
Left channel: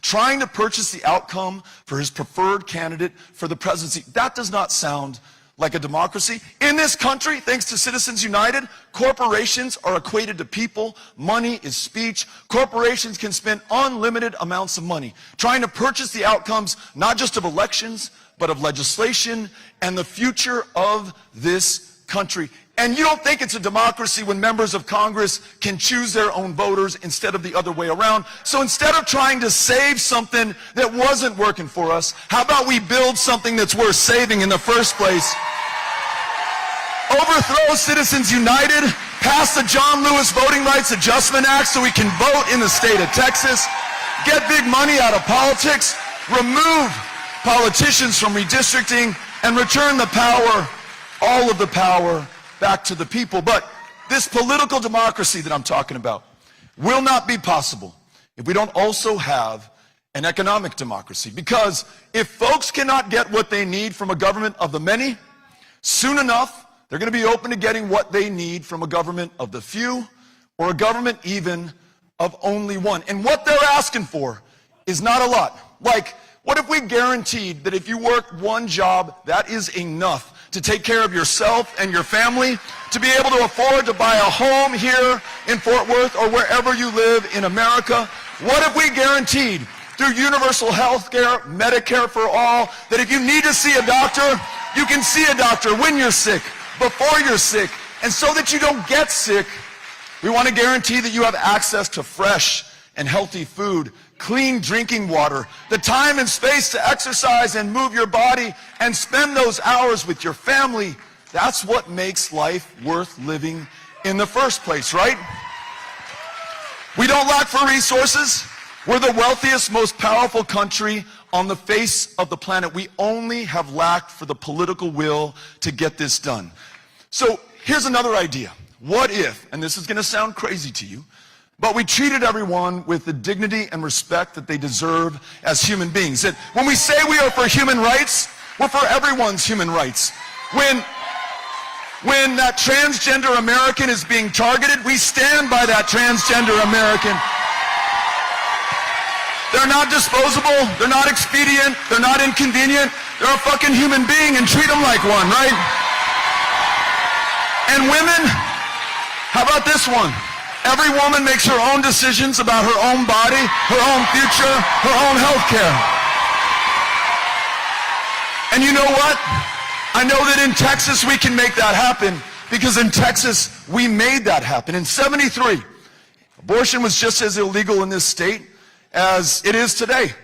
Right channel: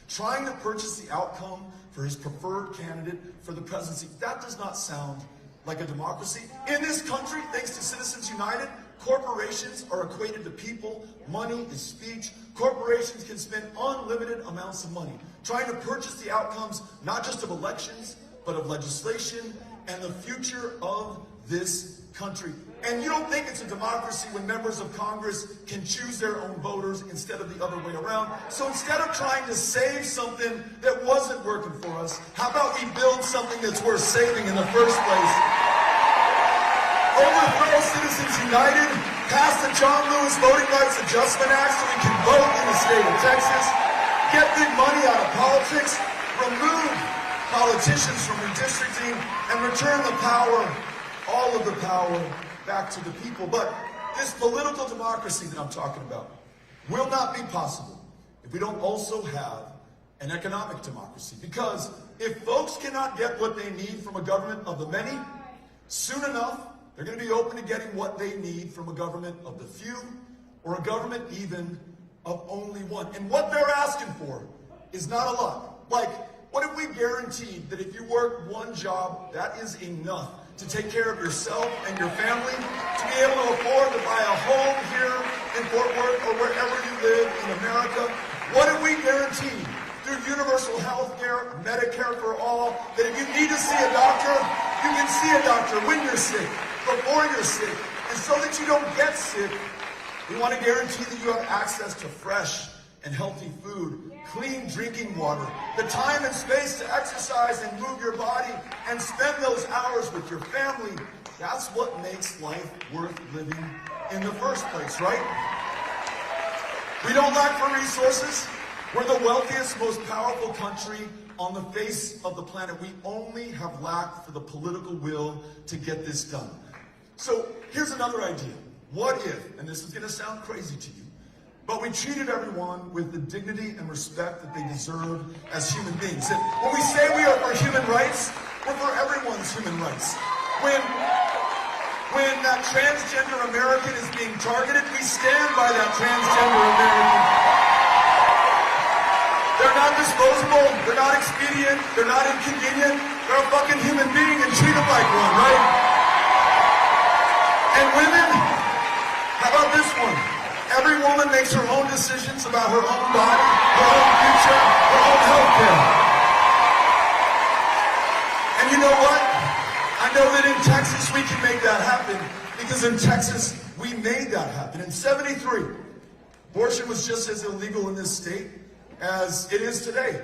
trying to purchase the outcome for his preferred candidate for the presidency. That does not sound like a democracy. In this country, thanks to Citizens United, corporations are equated to people. Money is speech. Corporations can spend unlimited amounts of money trying to purchase the outcomes, not just of elections, but of legislation and the future of this country. And you don't think it's a democracy when members of Congress can choose their own voters instead of the other way around. So instead of trying to save something that wasn't working for us, how about we build something that's worth saving in the first place? Overthrow Citizens United, pass the John Lewis Voting Rights Adjustment Act so we can vote in the state of Texas, get big money out of politics, remove politicians from redistricting, and return the power, all of the power, back to the people. But this political democracy that I'm talking about will not be possible if we don't also have an economic democracy. Because if folks cannot get what they need from a government of the many, soon enough, they're going to be open to getting what they need from a government of the few, or a government even of only one. And what they're asking for is not a lot. Like, what if we guaranteed that if you work one job, that is enough to take care of yourself and your family, to be able to afford to buy a home here in Fort Worth or wherever you live in America? What if we guaranteed through universal health care, Medicare for all, that if you need to see a doctor, you can see a doctor when you're sick, before you're sick. And so that you don't get sick, we want to guarantee that you have access to fresh and healthy food, clean drinking water, the time and space to exercise and move your body and spend those hours with your family. That's what makes life worth living in the first place, right? We don't lack for resources. We're the wealthiest, most powerful country on the face of the planet. We only have lacked for the political will to get this done. So here's another idea. What if, and this is going to sound crazy to you, but we treated everyone with the dignity and respect that they deserve as human beings. That when we say we are for human rights, we're for everyone's human rights. When that transgender American is being targeted, we stand by that transgender American. They're not disposable, they're not expedient, they're not inconvenient, they're a fucking human being and treat them like one, right? And women, how about this one? Every woman makes her own decisions about her own body, her own future, her own health care. And you know what? I know that in Texas we can make that happen, because in Texas we made that happen. In '73, abortion was just as illegal in this state as it is today.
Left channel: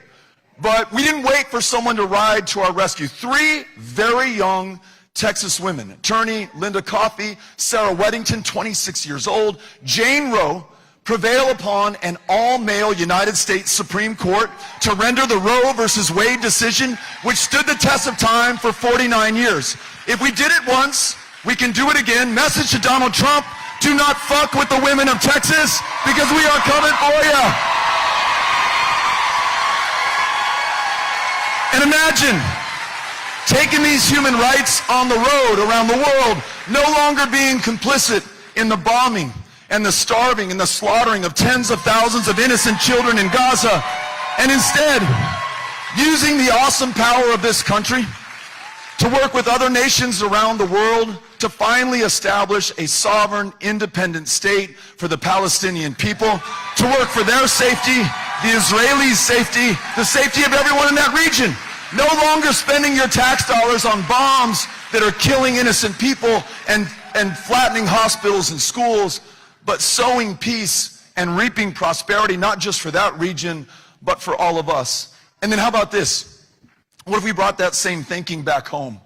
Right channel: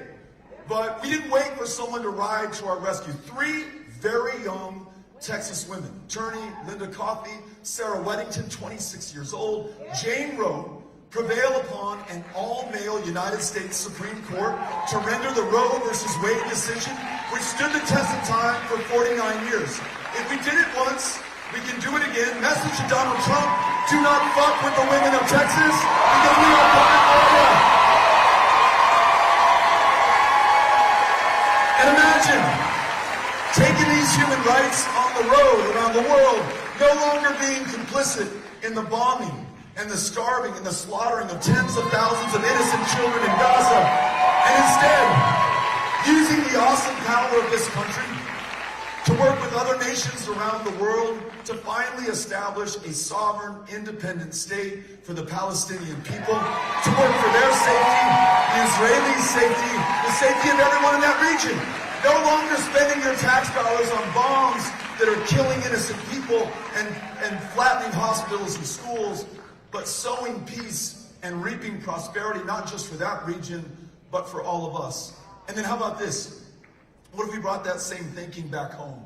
But we didn't wait for someone to ride to our rescue. 3 very young Texas women, attorney Linda Coffey, Sarah Weddington, 26 years old, Jane Roe, prevail upon an all-male United States Supreme Court to render the Roe versus Wade decision, which stood the test of time for 49 years. If we did it once, we can do it again. Message to Donald Trump, do not fuck with the women of Texas, because we are coming for you. And imagine taking these human rights on the road around the world, no longer being complicit in the bombing and the starving and the slaughtering of tens of thousands of innocent children in Gaza, and instead using the awesome power of this country to work with other nations around the world to finally establish a sovereign, independent state for the Palestinian people, to work for their safety, the Israelis' safety, the safety of everyone in that region. No longer spending your tax dollars on bombs that are killing innocent people and flattening hospitals and schools, but sowing peace and reaping prosperity, not just for that region, but for all of us. And then how about this? What if we brought that same thinking back home?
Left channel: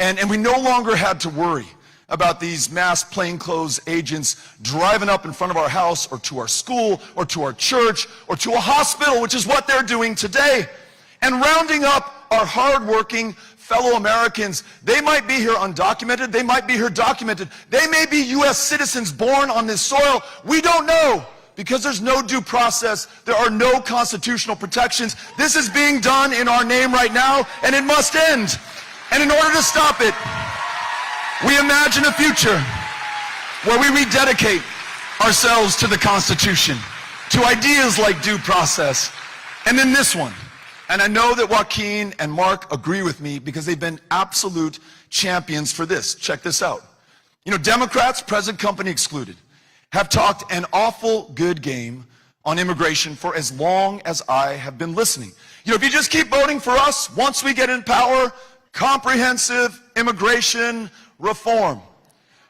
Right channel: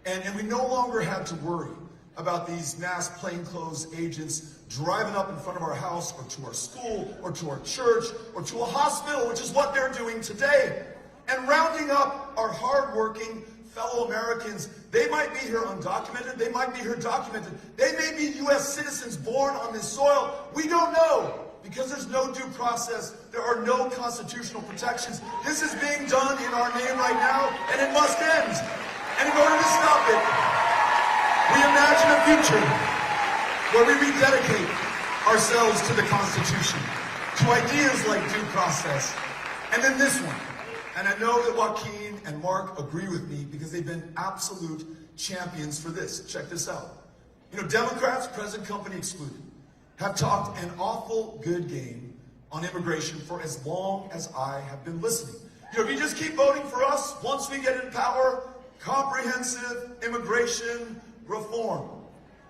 And we no longer had to worry about these mass plainclothes agents driving up in front of our house or to our school or to our church or to a hospital, which is what they're doing today, and rounding up our hardworking fellow Americans. They might be here undocumented, they might be here documented, they may be U.S. citizens born on this soil. We don't know, because there's no due process, there are no constitutional protections. This is being done in our name right now, and it must end. And in order to stop it, we imagine a future where we rededicate ourselves to the Constitution, to ideas like due process. And then this one, and I know that Joaquin and Mark agree with me because they've been absolute champions for this. Check this out. You know, Democrats, present company excluded, have talked an awful good game on immigration for as long as I have been listening. You know, if you just keep voting for us, once we get in power, comprehensive immigration reform.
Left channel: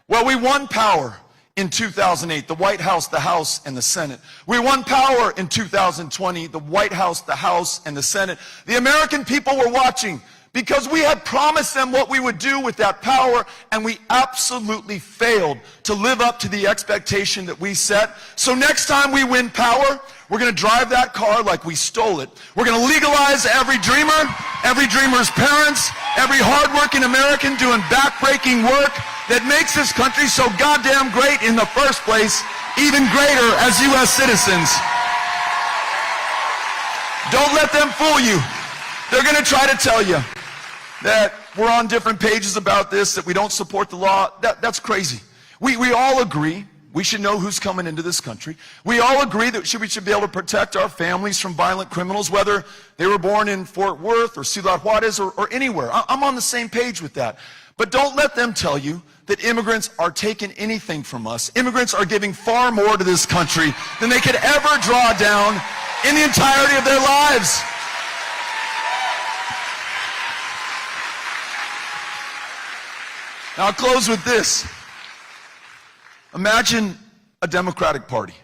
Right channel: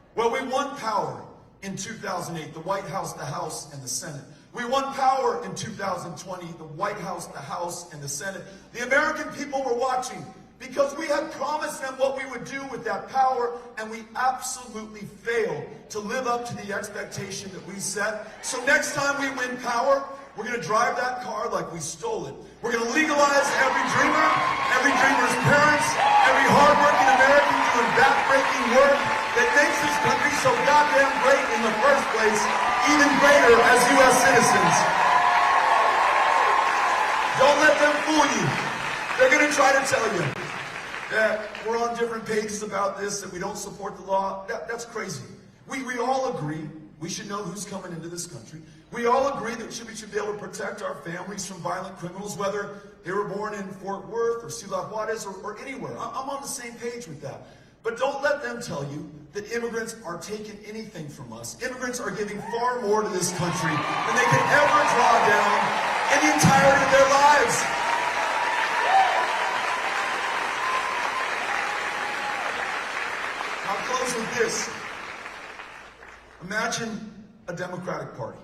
Well, we won power in 2008, the White House, the House, and the Senate. We won power in 2020, the White House, the House, and the Senate. The American people were watching because we had promised them what we would do with that power, and we absolutely failed to live up to the expectation that we set. So next time we win power, we're going to drive that car like we stole it. We're going to legalize every dreamer's parents, every hardworking American doing backbreaking work that makes this country so goddamn great in the first place, even greater as U.S. citizens. Don't let them fool you. They're going to try to tell you that we're on different pages about this, that we don't support the law. That's crazy. We all agree we should know who's coming into this country. We all agree that we should be able to protect our families from violent criminals, whether they were born in Fort Worth or Ciudad Juarez or anywhere. I'm on the same page with that. But don't let them tell you that immigrants are taking anything from us. Immigrants are giving far more to this country than they could ever draw down in the entirety of their lives. Now I'll close with this. Imagine a Democratic Party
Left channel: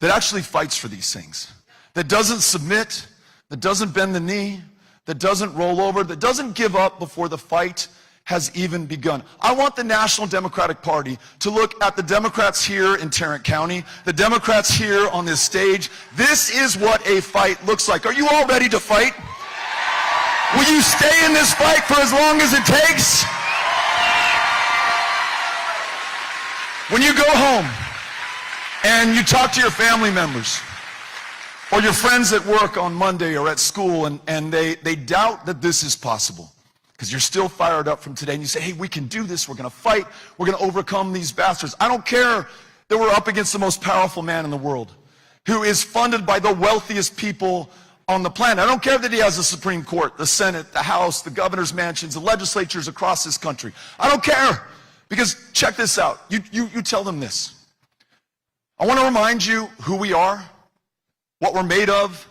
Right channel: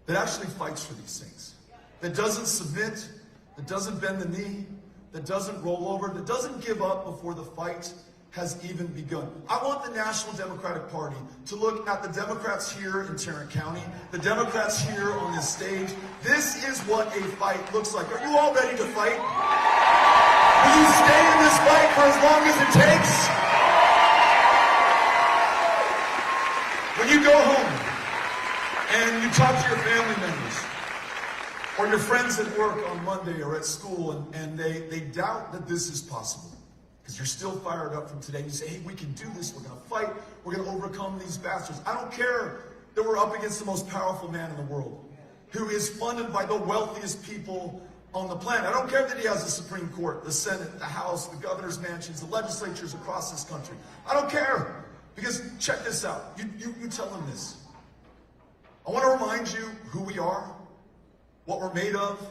that actually fights for these things, that doesn't submit, that doesn't bend the knee, that doesn't roll over, that doesn't give up before the fight has even begun. I want the National Democratic Party to look at the Democrats here in Tarrant County, the Democrats here on this stage. This is what a fight looks like. Are you all ready to fight? Will you stay in this fight for as long as it takes? When you go home and you talk to your family members or your friends at work on Monday or at school and they doubt that this is possible because you're still fired up from today and you say, hey, we can do this, we're going to fight, we're going to overcome these bastards. I don't care that we're up against the most powerful man in the world who is funded by the wealthiest people on the planet. I don't care that he has the Supreme Court, the Senate, the House, the governor's mansions, the legislatures across this country. I don't care. Because check this out, you tell them this. I want to remind you who we are, what we're made of,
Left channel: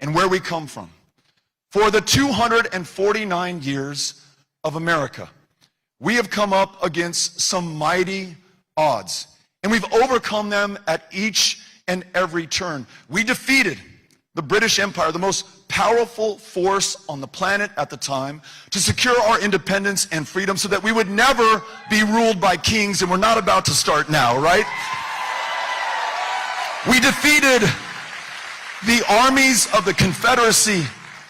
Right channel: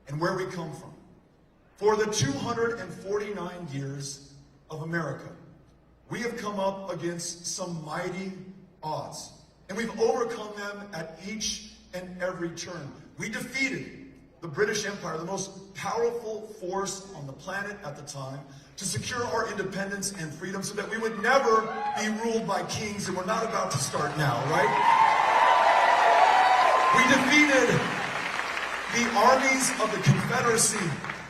and where we come from. For the 249 years of America, we have come up against some mighty odds, and we've overcome them at each and every turn. We defeated the British Empire, the most powerful force on the planet at the time, to secure our independence and freedom so that we would never be ruled by kings, and we're not about to start now, right? We defeated the armies of the Confederacy.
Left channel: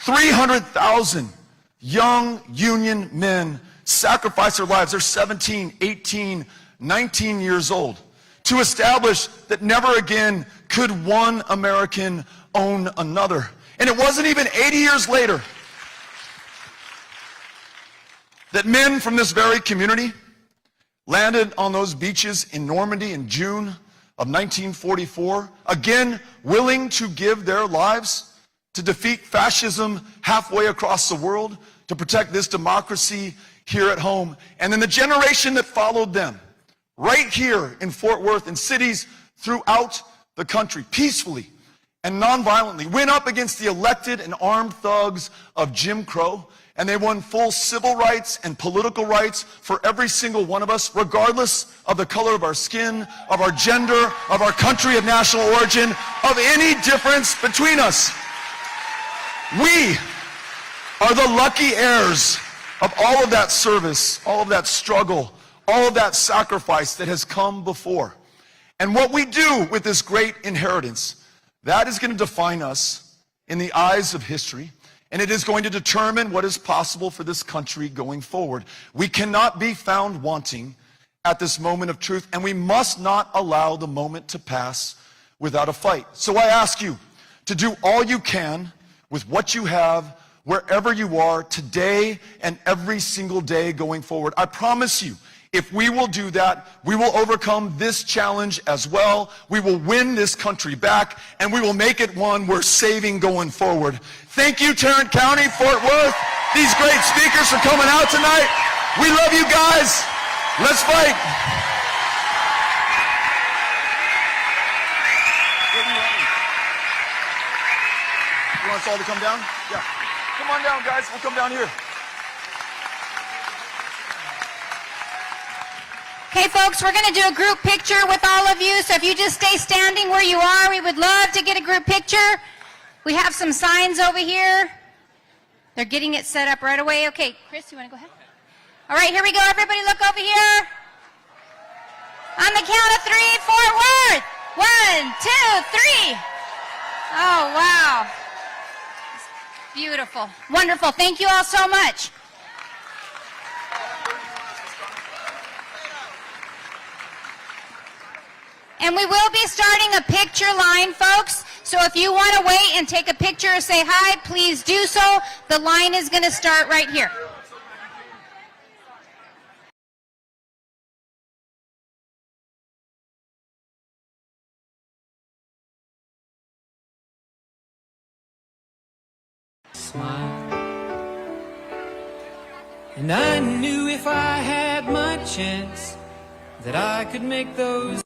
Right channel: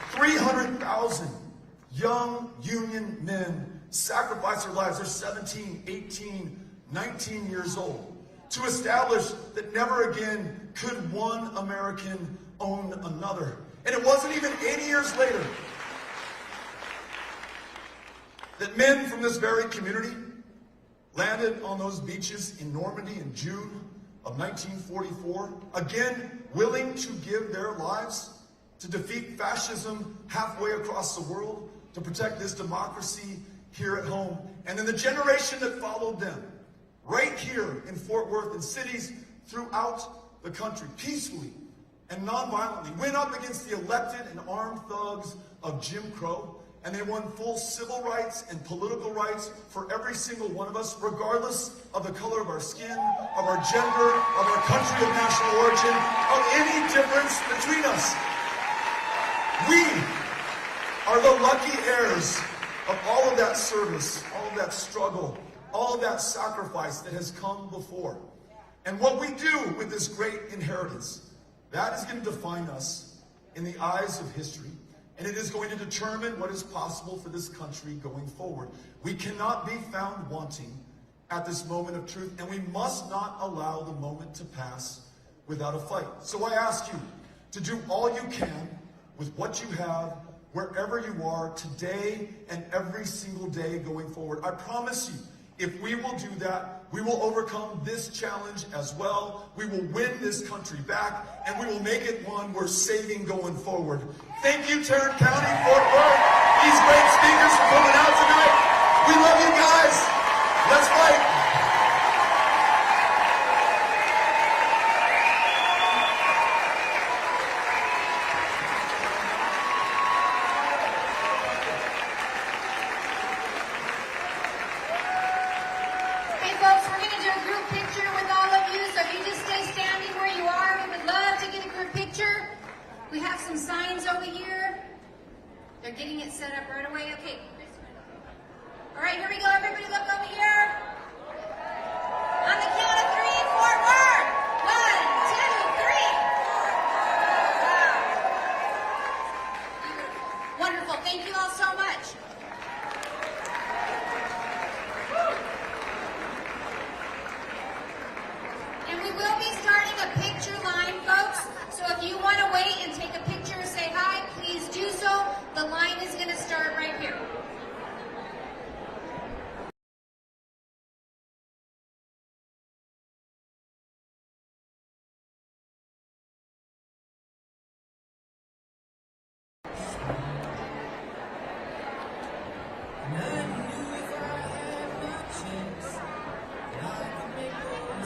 300,000 young Union men sacrificed their lives. They're 17, 18, 19 years old to establish that never again could one American own another. And it wasn't even 80 years later that men from this very community landed on those beaches in Normandy in June of 1944, again willing to give their lives to defeat fascism halfway across the world, to protect this democracy here at home. And then the generation that followed them, right here in Fort Worth and cities throughout the country, peacefully and nonviolently, went up against the elected and armed thugs of Jim Crow, and they won full civil rights and political rights for every single one of us, regardless of the color of our skin, of our gender, of our country of national origin, of any difference between us. We are the lucky heirs of all of that service, all of that struggle, all of that sacrifice that has come before. And what we do with this great inheritance, that is going to define us in the eyes of history, and it is going to determine what is possible for this country going forward. We cannot be found wanting at this moment of truth, and we must not allow the moment to pass without a fight. So I ask you to do all you can with what you have, wherever you are, today and every single day going forward. I promise you, if we will do that, we will overcome this challenge as well. We will win this country back, and we will make it one worth saving going forward. Thank you, Tarrant County, Fort Worth, these great speakers for coming out tonight. We love you guys. Let's fight. You want us all to come down? Yeah. Come on down, guys. We'll come down here. Okay, folks, we're going to do a group picture with all of you, so if you just stay standing where you are, we would love to get a group picture. We have some signs over here. They're getting it set up right away. Okay, Chris, you want to go ahead? All right, here we go. Everybody look over here. On the count of 3, Fort Worth. 1, 2, 3. Oh, wow. Beautiful. Wonderful. Thank you all so much. And we will be starting a picture line, folks. So if you want to wait and take a picture or say hi, please do so. The line is going to start right here. And I knew if I had my chance that I could make those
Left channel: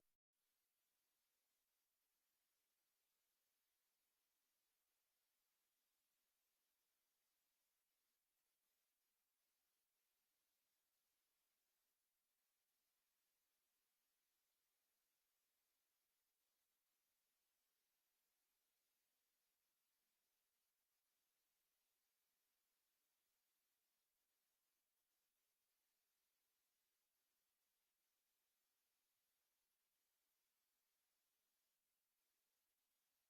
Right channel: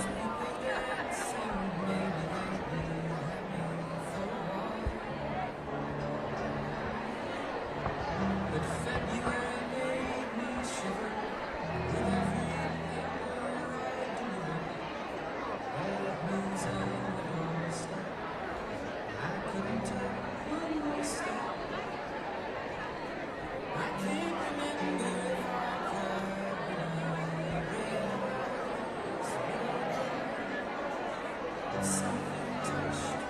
something touched